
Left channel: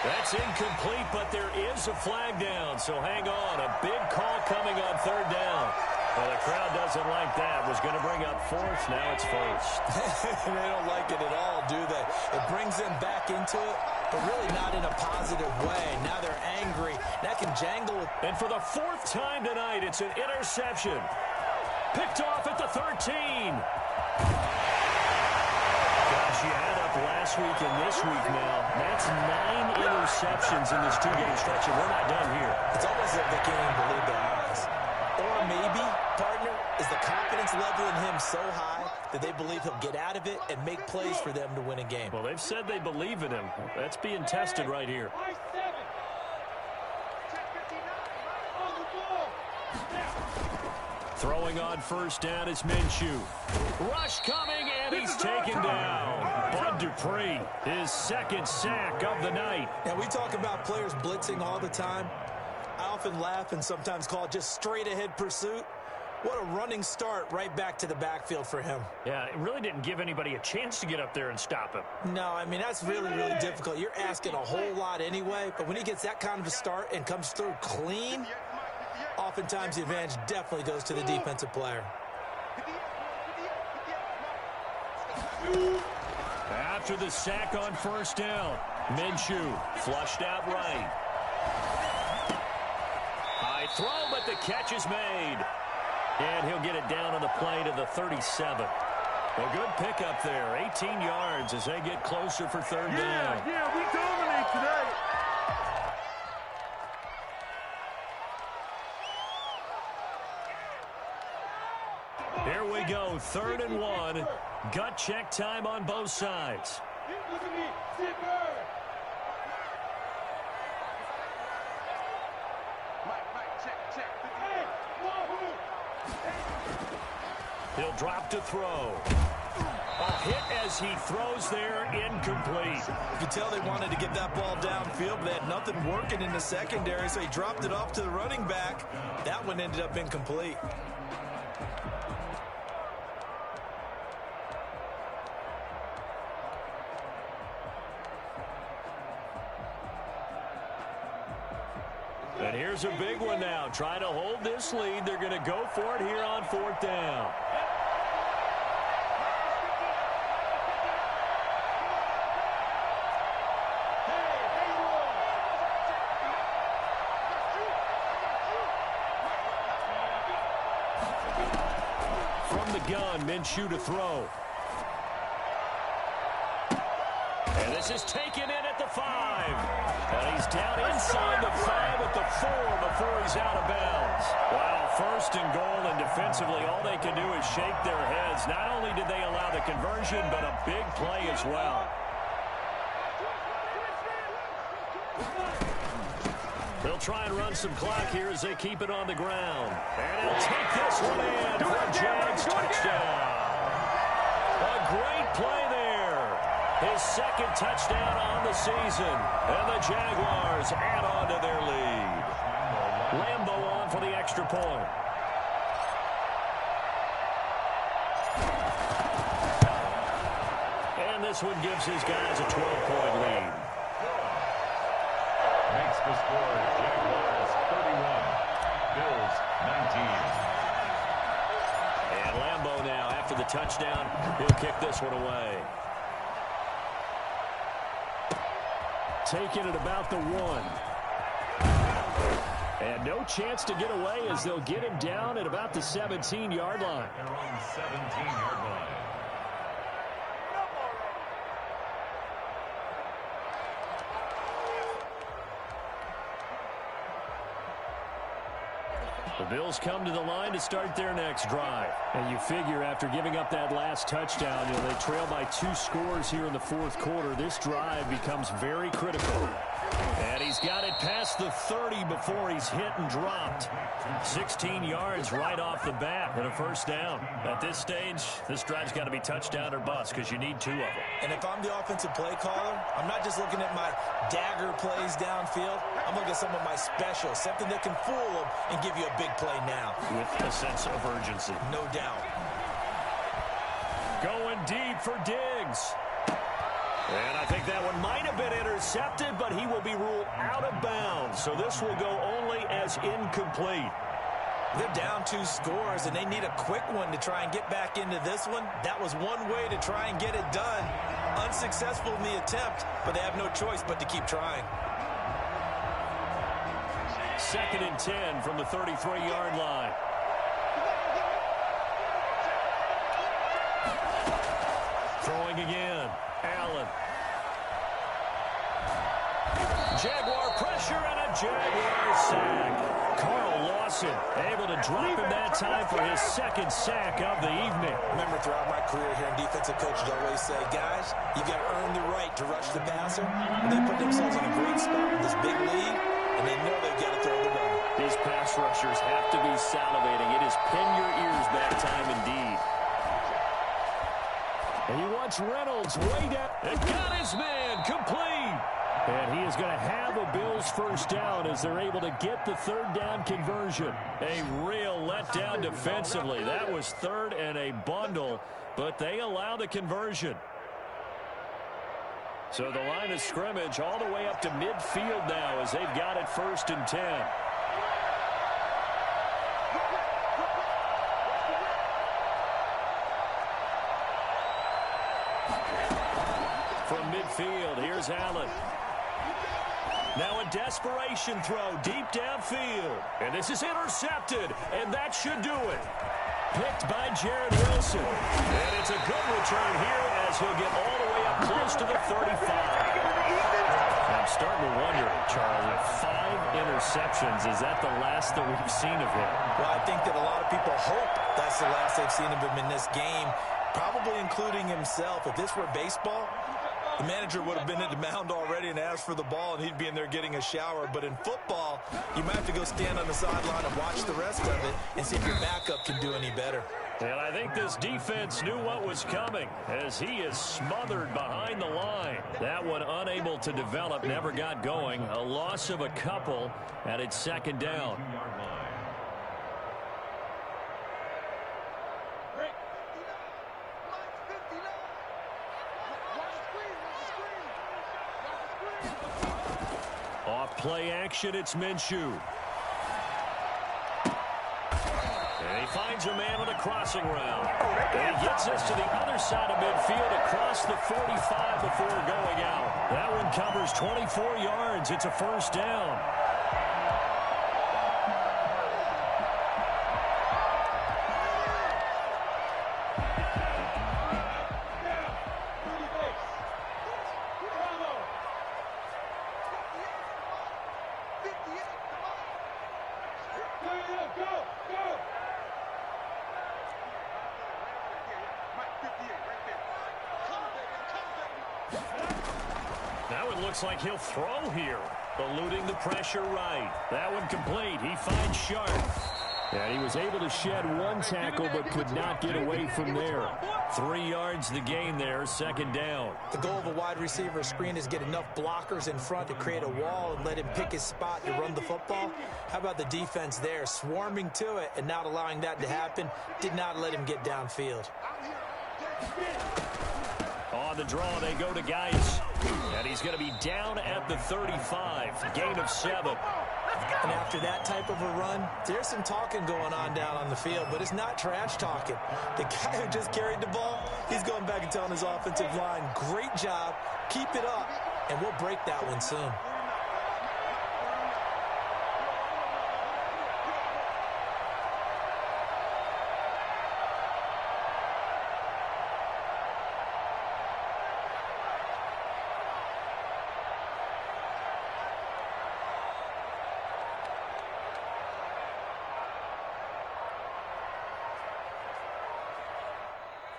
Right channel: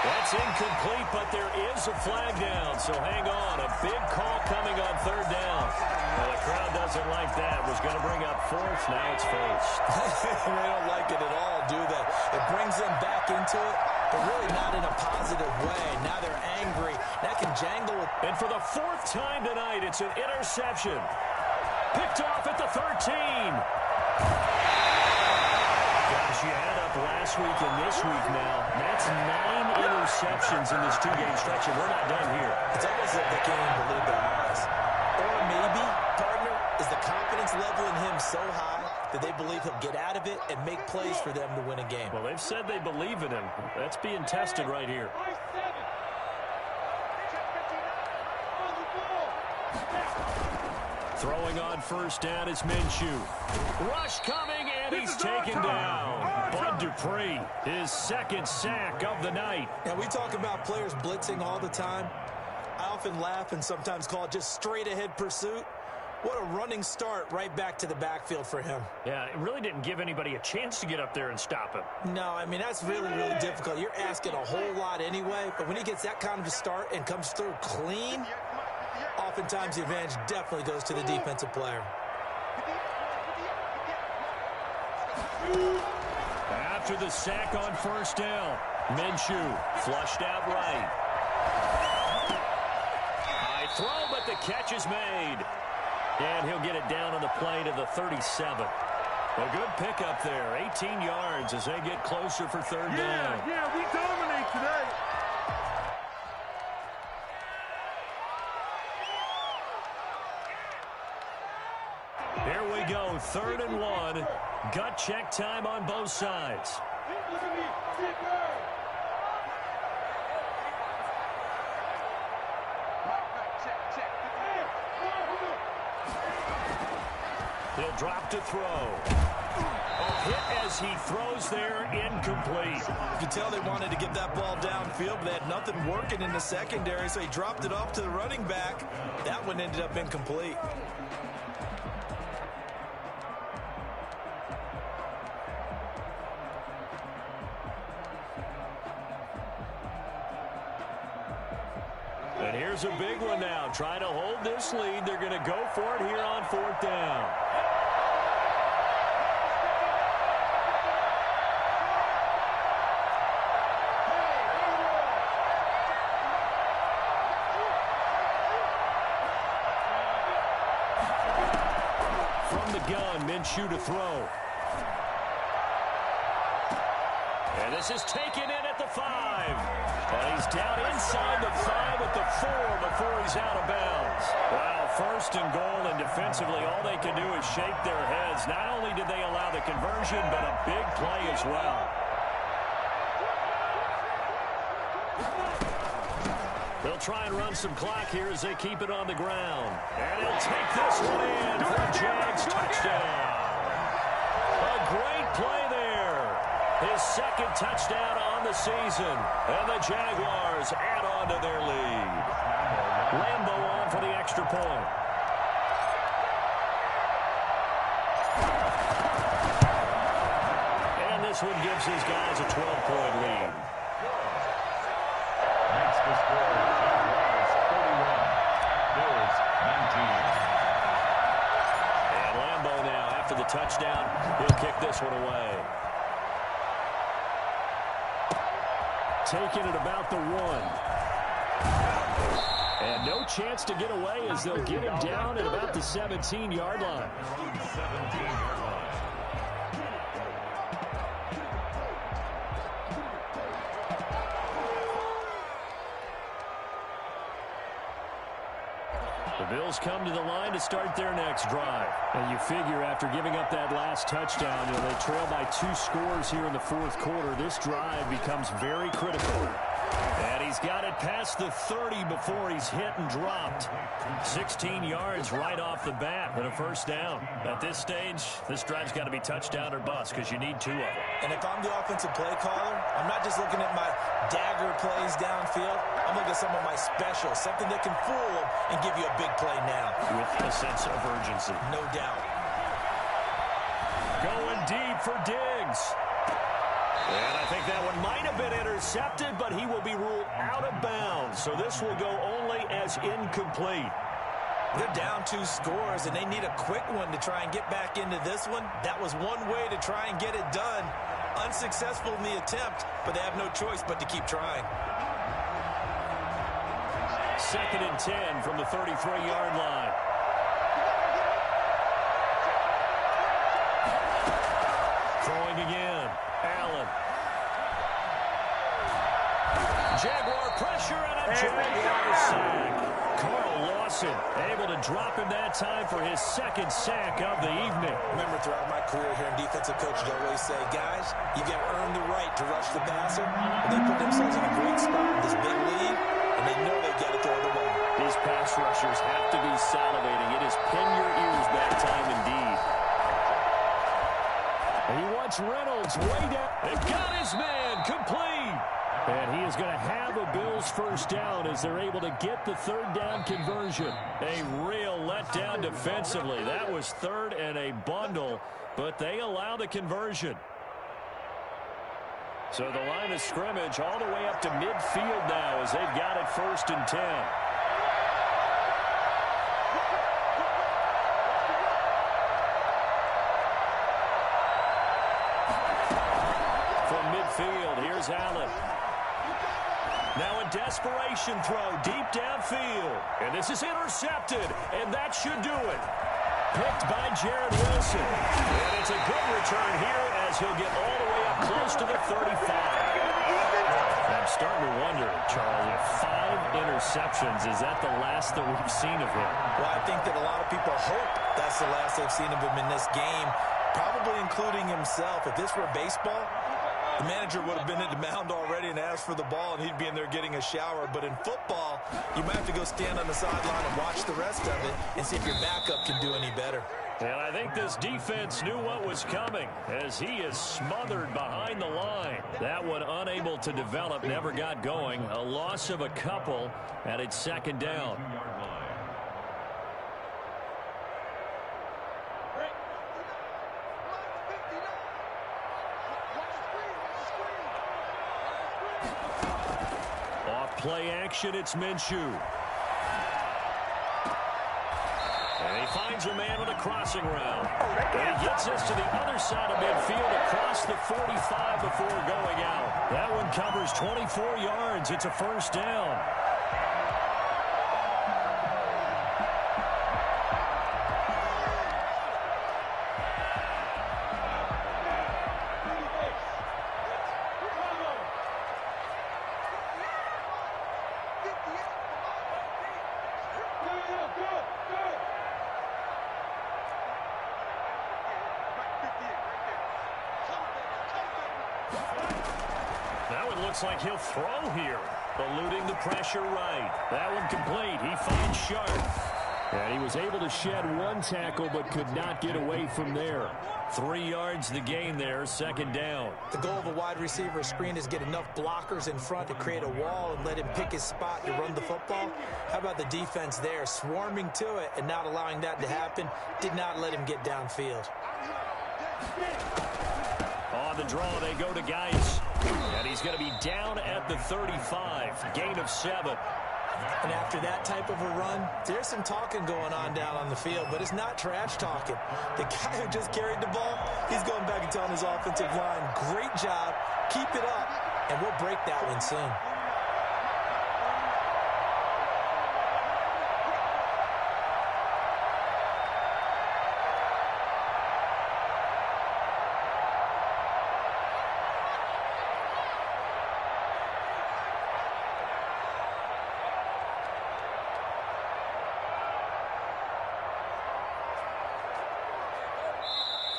That's incomplete, but there is a flag down, so hang on. A big call coming on 3rd down. Well, the crowd doesn't like that. Was going to bring up 4th. Now it's 1st. They don't like it at all, do they? It brings them back into it, but really not in a positive way. Now they're angry. That can jangle. And for the 4th time tonight, it's an interception. Picked off at the 13. Gosh, you add up last week and this week now. That's 9 interceptions in this 2-game stretch, and we're not done here. It's almost like they can't even believe their eyes. Or maybe, partner, is the confidence level in him so high that they believe he'll get out of it and make plays for them to win a game. Well, they've said they believe in him. That's being tested right here. Throwing on 1st down is Minshew. Rush coming, and he's taken down. Bud Dupree, his 2nd sack of the night. Now, we talk about players blitzing all the time. I often laugh and sometimes call it just straight-ahead pursuit. What a running start right back to the backfield for him. Yeah, it really didn't give anybody a chance to get up there and stop him. No, I mean, that's really, really difficult. You're asking a whole lot anyway, but when he gets that kind of a start and comes through clean, oftentimes the advantage definitely goes to the defensive player. After the sack on 1st down, Minshew flushed out right. High throw, but the catch is made. And he'll get it down on the play to the 37. A good pickup there, 18 yards as they get closer for 3rd down. Yeah, we dominate today. Here we go, 3rd and 1. Gut check time on both sides. Look at me, Mike, check. Check. He'll drop to throw. A hit as he throws there, incomplete. You can tell they wanted to get that ball downfield, but they had nothing working in the secondary, so he dropped it off to the running back. That one ended up incomplete. And here's a big one now. Trying to hold this lead. They're going to go for it here on 4th down. From the gun, Minshew to throw. And this is taken in at the 5. And he's down inside the 5 at the 4 before he's out of bounds. Wow, 1st and goal, and defensively all they can do is shake their heads. Not only did they allow the conversion, but a big play as well. They'll try and run some clock here as they keep it on the ground. And he'll take this one in for a Jags touchdown. A great play there. His 2nd touchdown on the season. And the Jaguars add on to their lead. Lambo on for the extra point. And this one gives his guys a 12-point lead. Makes the score Jaguars 31, Bills 19. And Lambo now, after the touchdown, he'll kick this one away. Taking it about the 1. And no chance to get away as they'll get him down at about the 17-yard line. They're on the 17-yard line. The Bills come to the line to start their next drive. And you figure after giving up that last touchdown, they trail by 2 scores here in the 4th quarter. This drive becomes very critical. And he's got it past the 30 before he's hit and dropped. 16 yards right off the bat and a 1st down. At this stage, this drive's got to be touchdown or bust because you need 2 of them. And if I'm the offensive play caller, I'm not just looking at my dagger plays downfield. I'm looking at some of my specials, something that can fool them and give you a big play now. With a sense of urgency. No doubt. Going deep for Diggs. And I think that one might have been intercepted, but he will be ruled out of bounds. So this will go only as incomplete. They're down 2 scores, and they need a quick one to try and get back into this one. That was one way to try and get it done. Unsuccessful in the attempt, but they have no choice but to keep trying. 2nd and 10 from the 33-yard line. Throwing again. Allen. Jaguar pressure and a Jaguar sack. Carl Lawson able to drop him that time for his 2nd sack of the evening. Remember, throughout my career here in defensive coaches always say, guys, you got to earn the right to rush the passer. But they put themselves in a great spot with this big lead, and they know they've got to throw the ball. These pass rushers have to be salivating. It is pin your ears back time indeed. And he wants Reynolds way down. It got his man complete. And he is going to have a Bills 1st down as they're able to get the 3rd down conversion. A real letdown defensively. That was 3rd and a bundle, but they allow the conversion. So the line of scrimmage all the way up to midfield now as they've got it 1st and 10. From midfield, here's Allen. Now a desperation throw deep downfield. And this is intercepted, and that should do it. Picked by Jarrett Wilson. And it's a good return here as he'll get all the way up close to the 35. I'm starting to wonder, Charles, if 5 interceptions, is that the last that we've seen of him? Well, I think that a lot of people hope that's the last they've seen of him in this game, probably including himself. If this were baseball, The manager would have been at the mound already and asked for the ball, and he'd be in there getting a shower. But in football, you might have to go stand on the sideline and watch the rest of it and see if your backup can do any better. And I think this defense knew what was coming as he is smothered behind the line. That one unable to develop, never got going. A loss of a couple, and it's second down. Off play action, it's Minshew. And he finds a man with a crossing route. And he gets us to the other side of midfield across the 45 before going out. That one covers 24 yards. It's a first down. Now it looks like he'll throw here. Eluding the pressure right. That one complete. He finds Sharp. And he was able to shed one tackle but could not get away from there. 3 yards the gain there, second down. The goal of a wide receiver screen is get enough blockers in front to create a wall and let him pick his spot to run the football. How about the defense there, swarming to it and not allowing that to happen? Did not let him get downfield. On the draw, they go to Geis. And he's going to be down at the 35. Gain of 7. And after that type of a run, there's some talking going on down on the field, but it's not trash talking. The guy who just carried the ball, he's going back and telling his offensive line, great job, keep it up, and we'll break that one soon.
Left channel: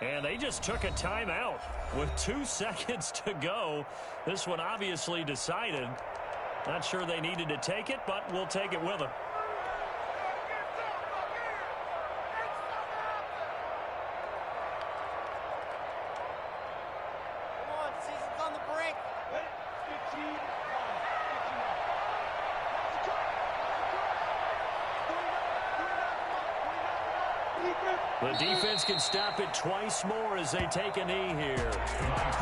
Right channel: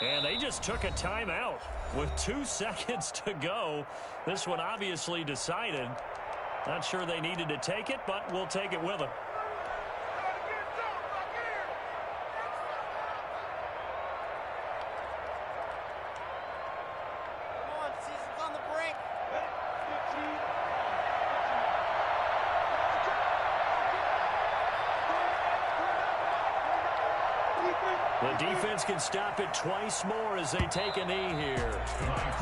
And they just took a timeout with 2 seconds to go. This one obviously decided. Not sure they needed to take it, but we'll take it with them. Come on, season's on the brink. 15. The defense can stop it twice more as they take a knee here.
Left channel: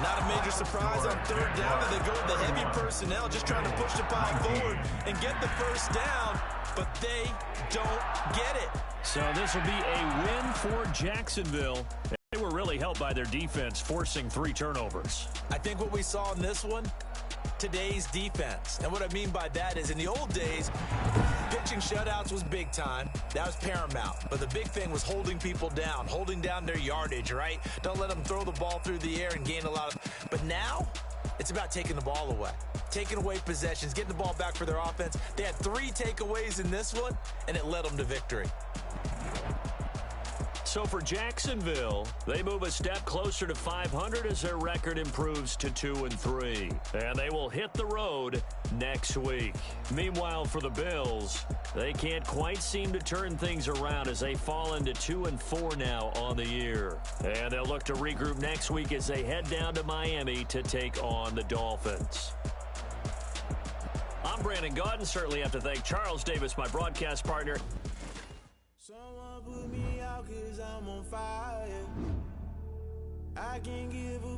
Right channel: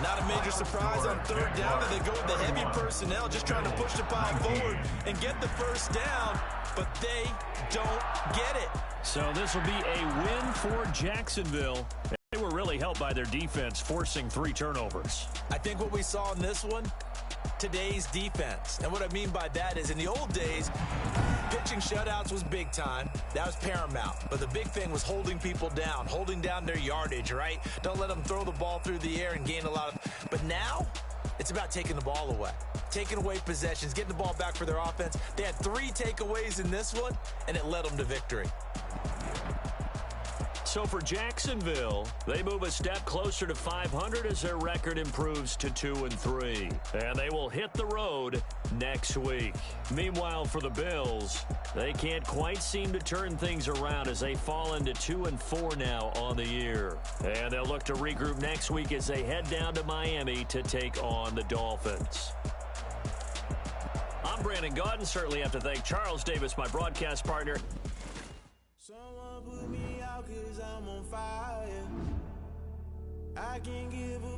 Not a major surprise on third down that they go with the heavy personnel, just trying to push the pile forward and get the first down, but they don't get it. So this will be a win for Jacksonville. They were really helped by their defense, forcing 3 turnovers. I think what we saw in this one, today's defense. And what I mean by that is in the old days, pitching shutouts was big time. That was paramount. But the big thing was holding people down, holding down their yardage, right? Don't let them throw the ball through the air and gain a lot of... But now, it's about taking the ball away. Taking away possessions, getting the ball back for their offense. They had 3 takeaways in this one, and it led them to victory. So for Jacksonville, they move a step closer to 500 as their record improves to 2-3. And they will hit the road next week. Meanwhile, for the Bills, they can't quite seem to turn things around as they fall into 2-4 now on the year. And they'll look to regroup next week as they head down to Miami to take on the Dolphins. I'm Brandon Gaudin. Certainly have to thank Charles Davis, my broadcast partner. Someone put me out 'cause I'm on fire. I can give up.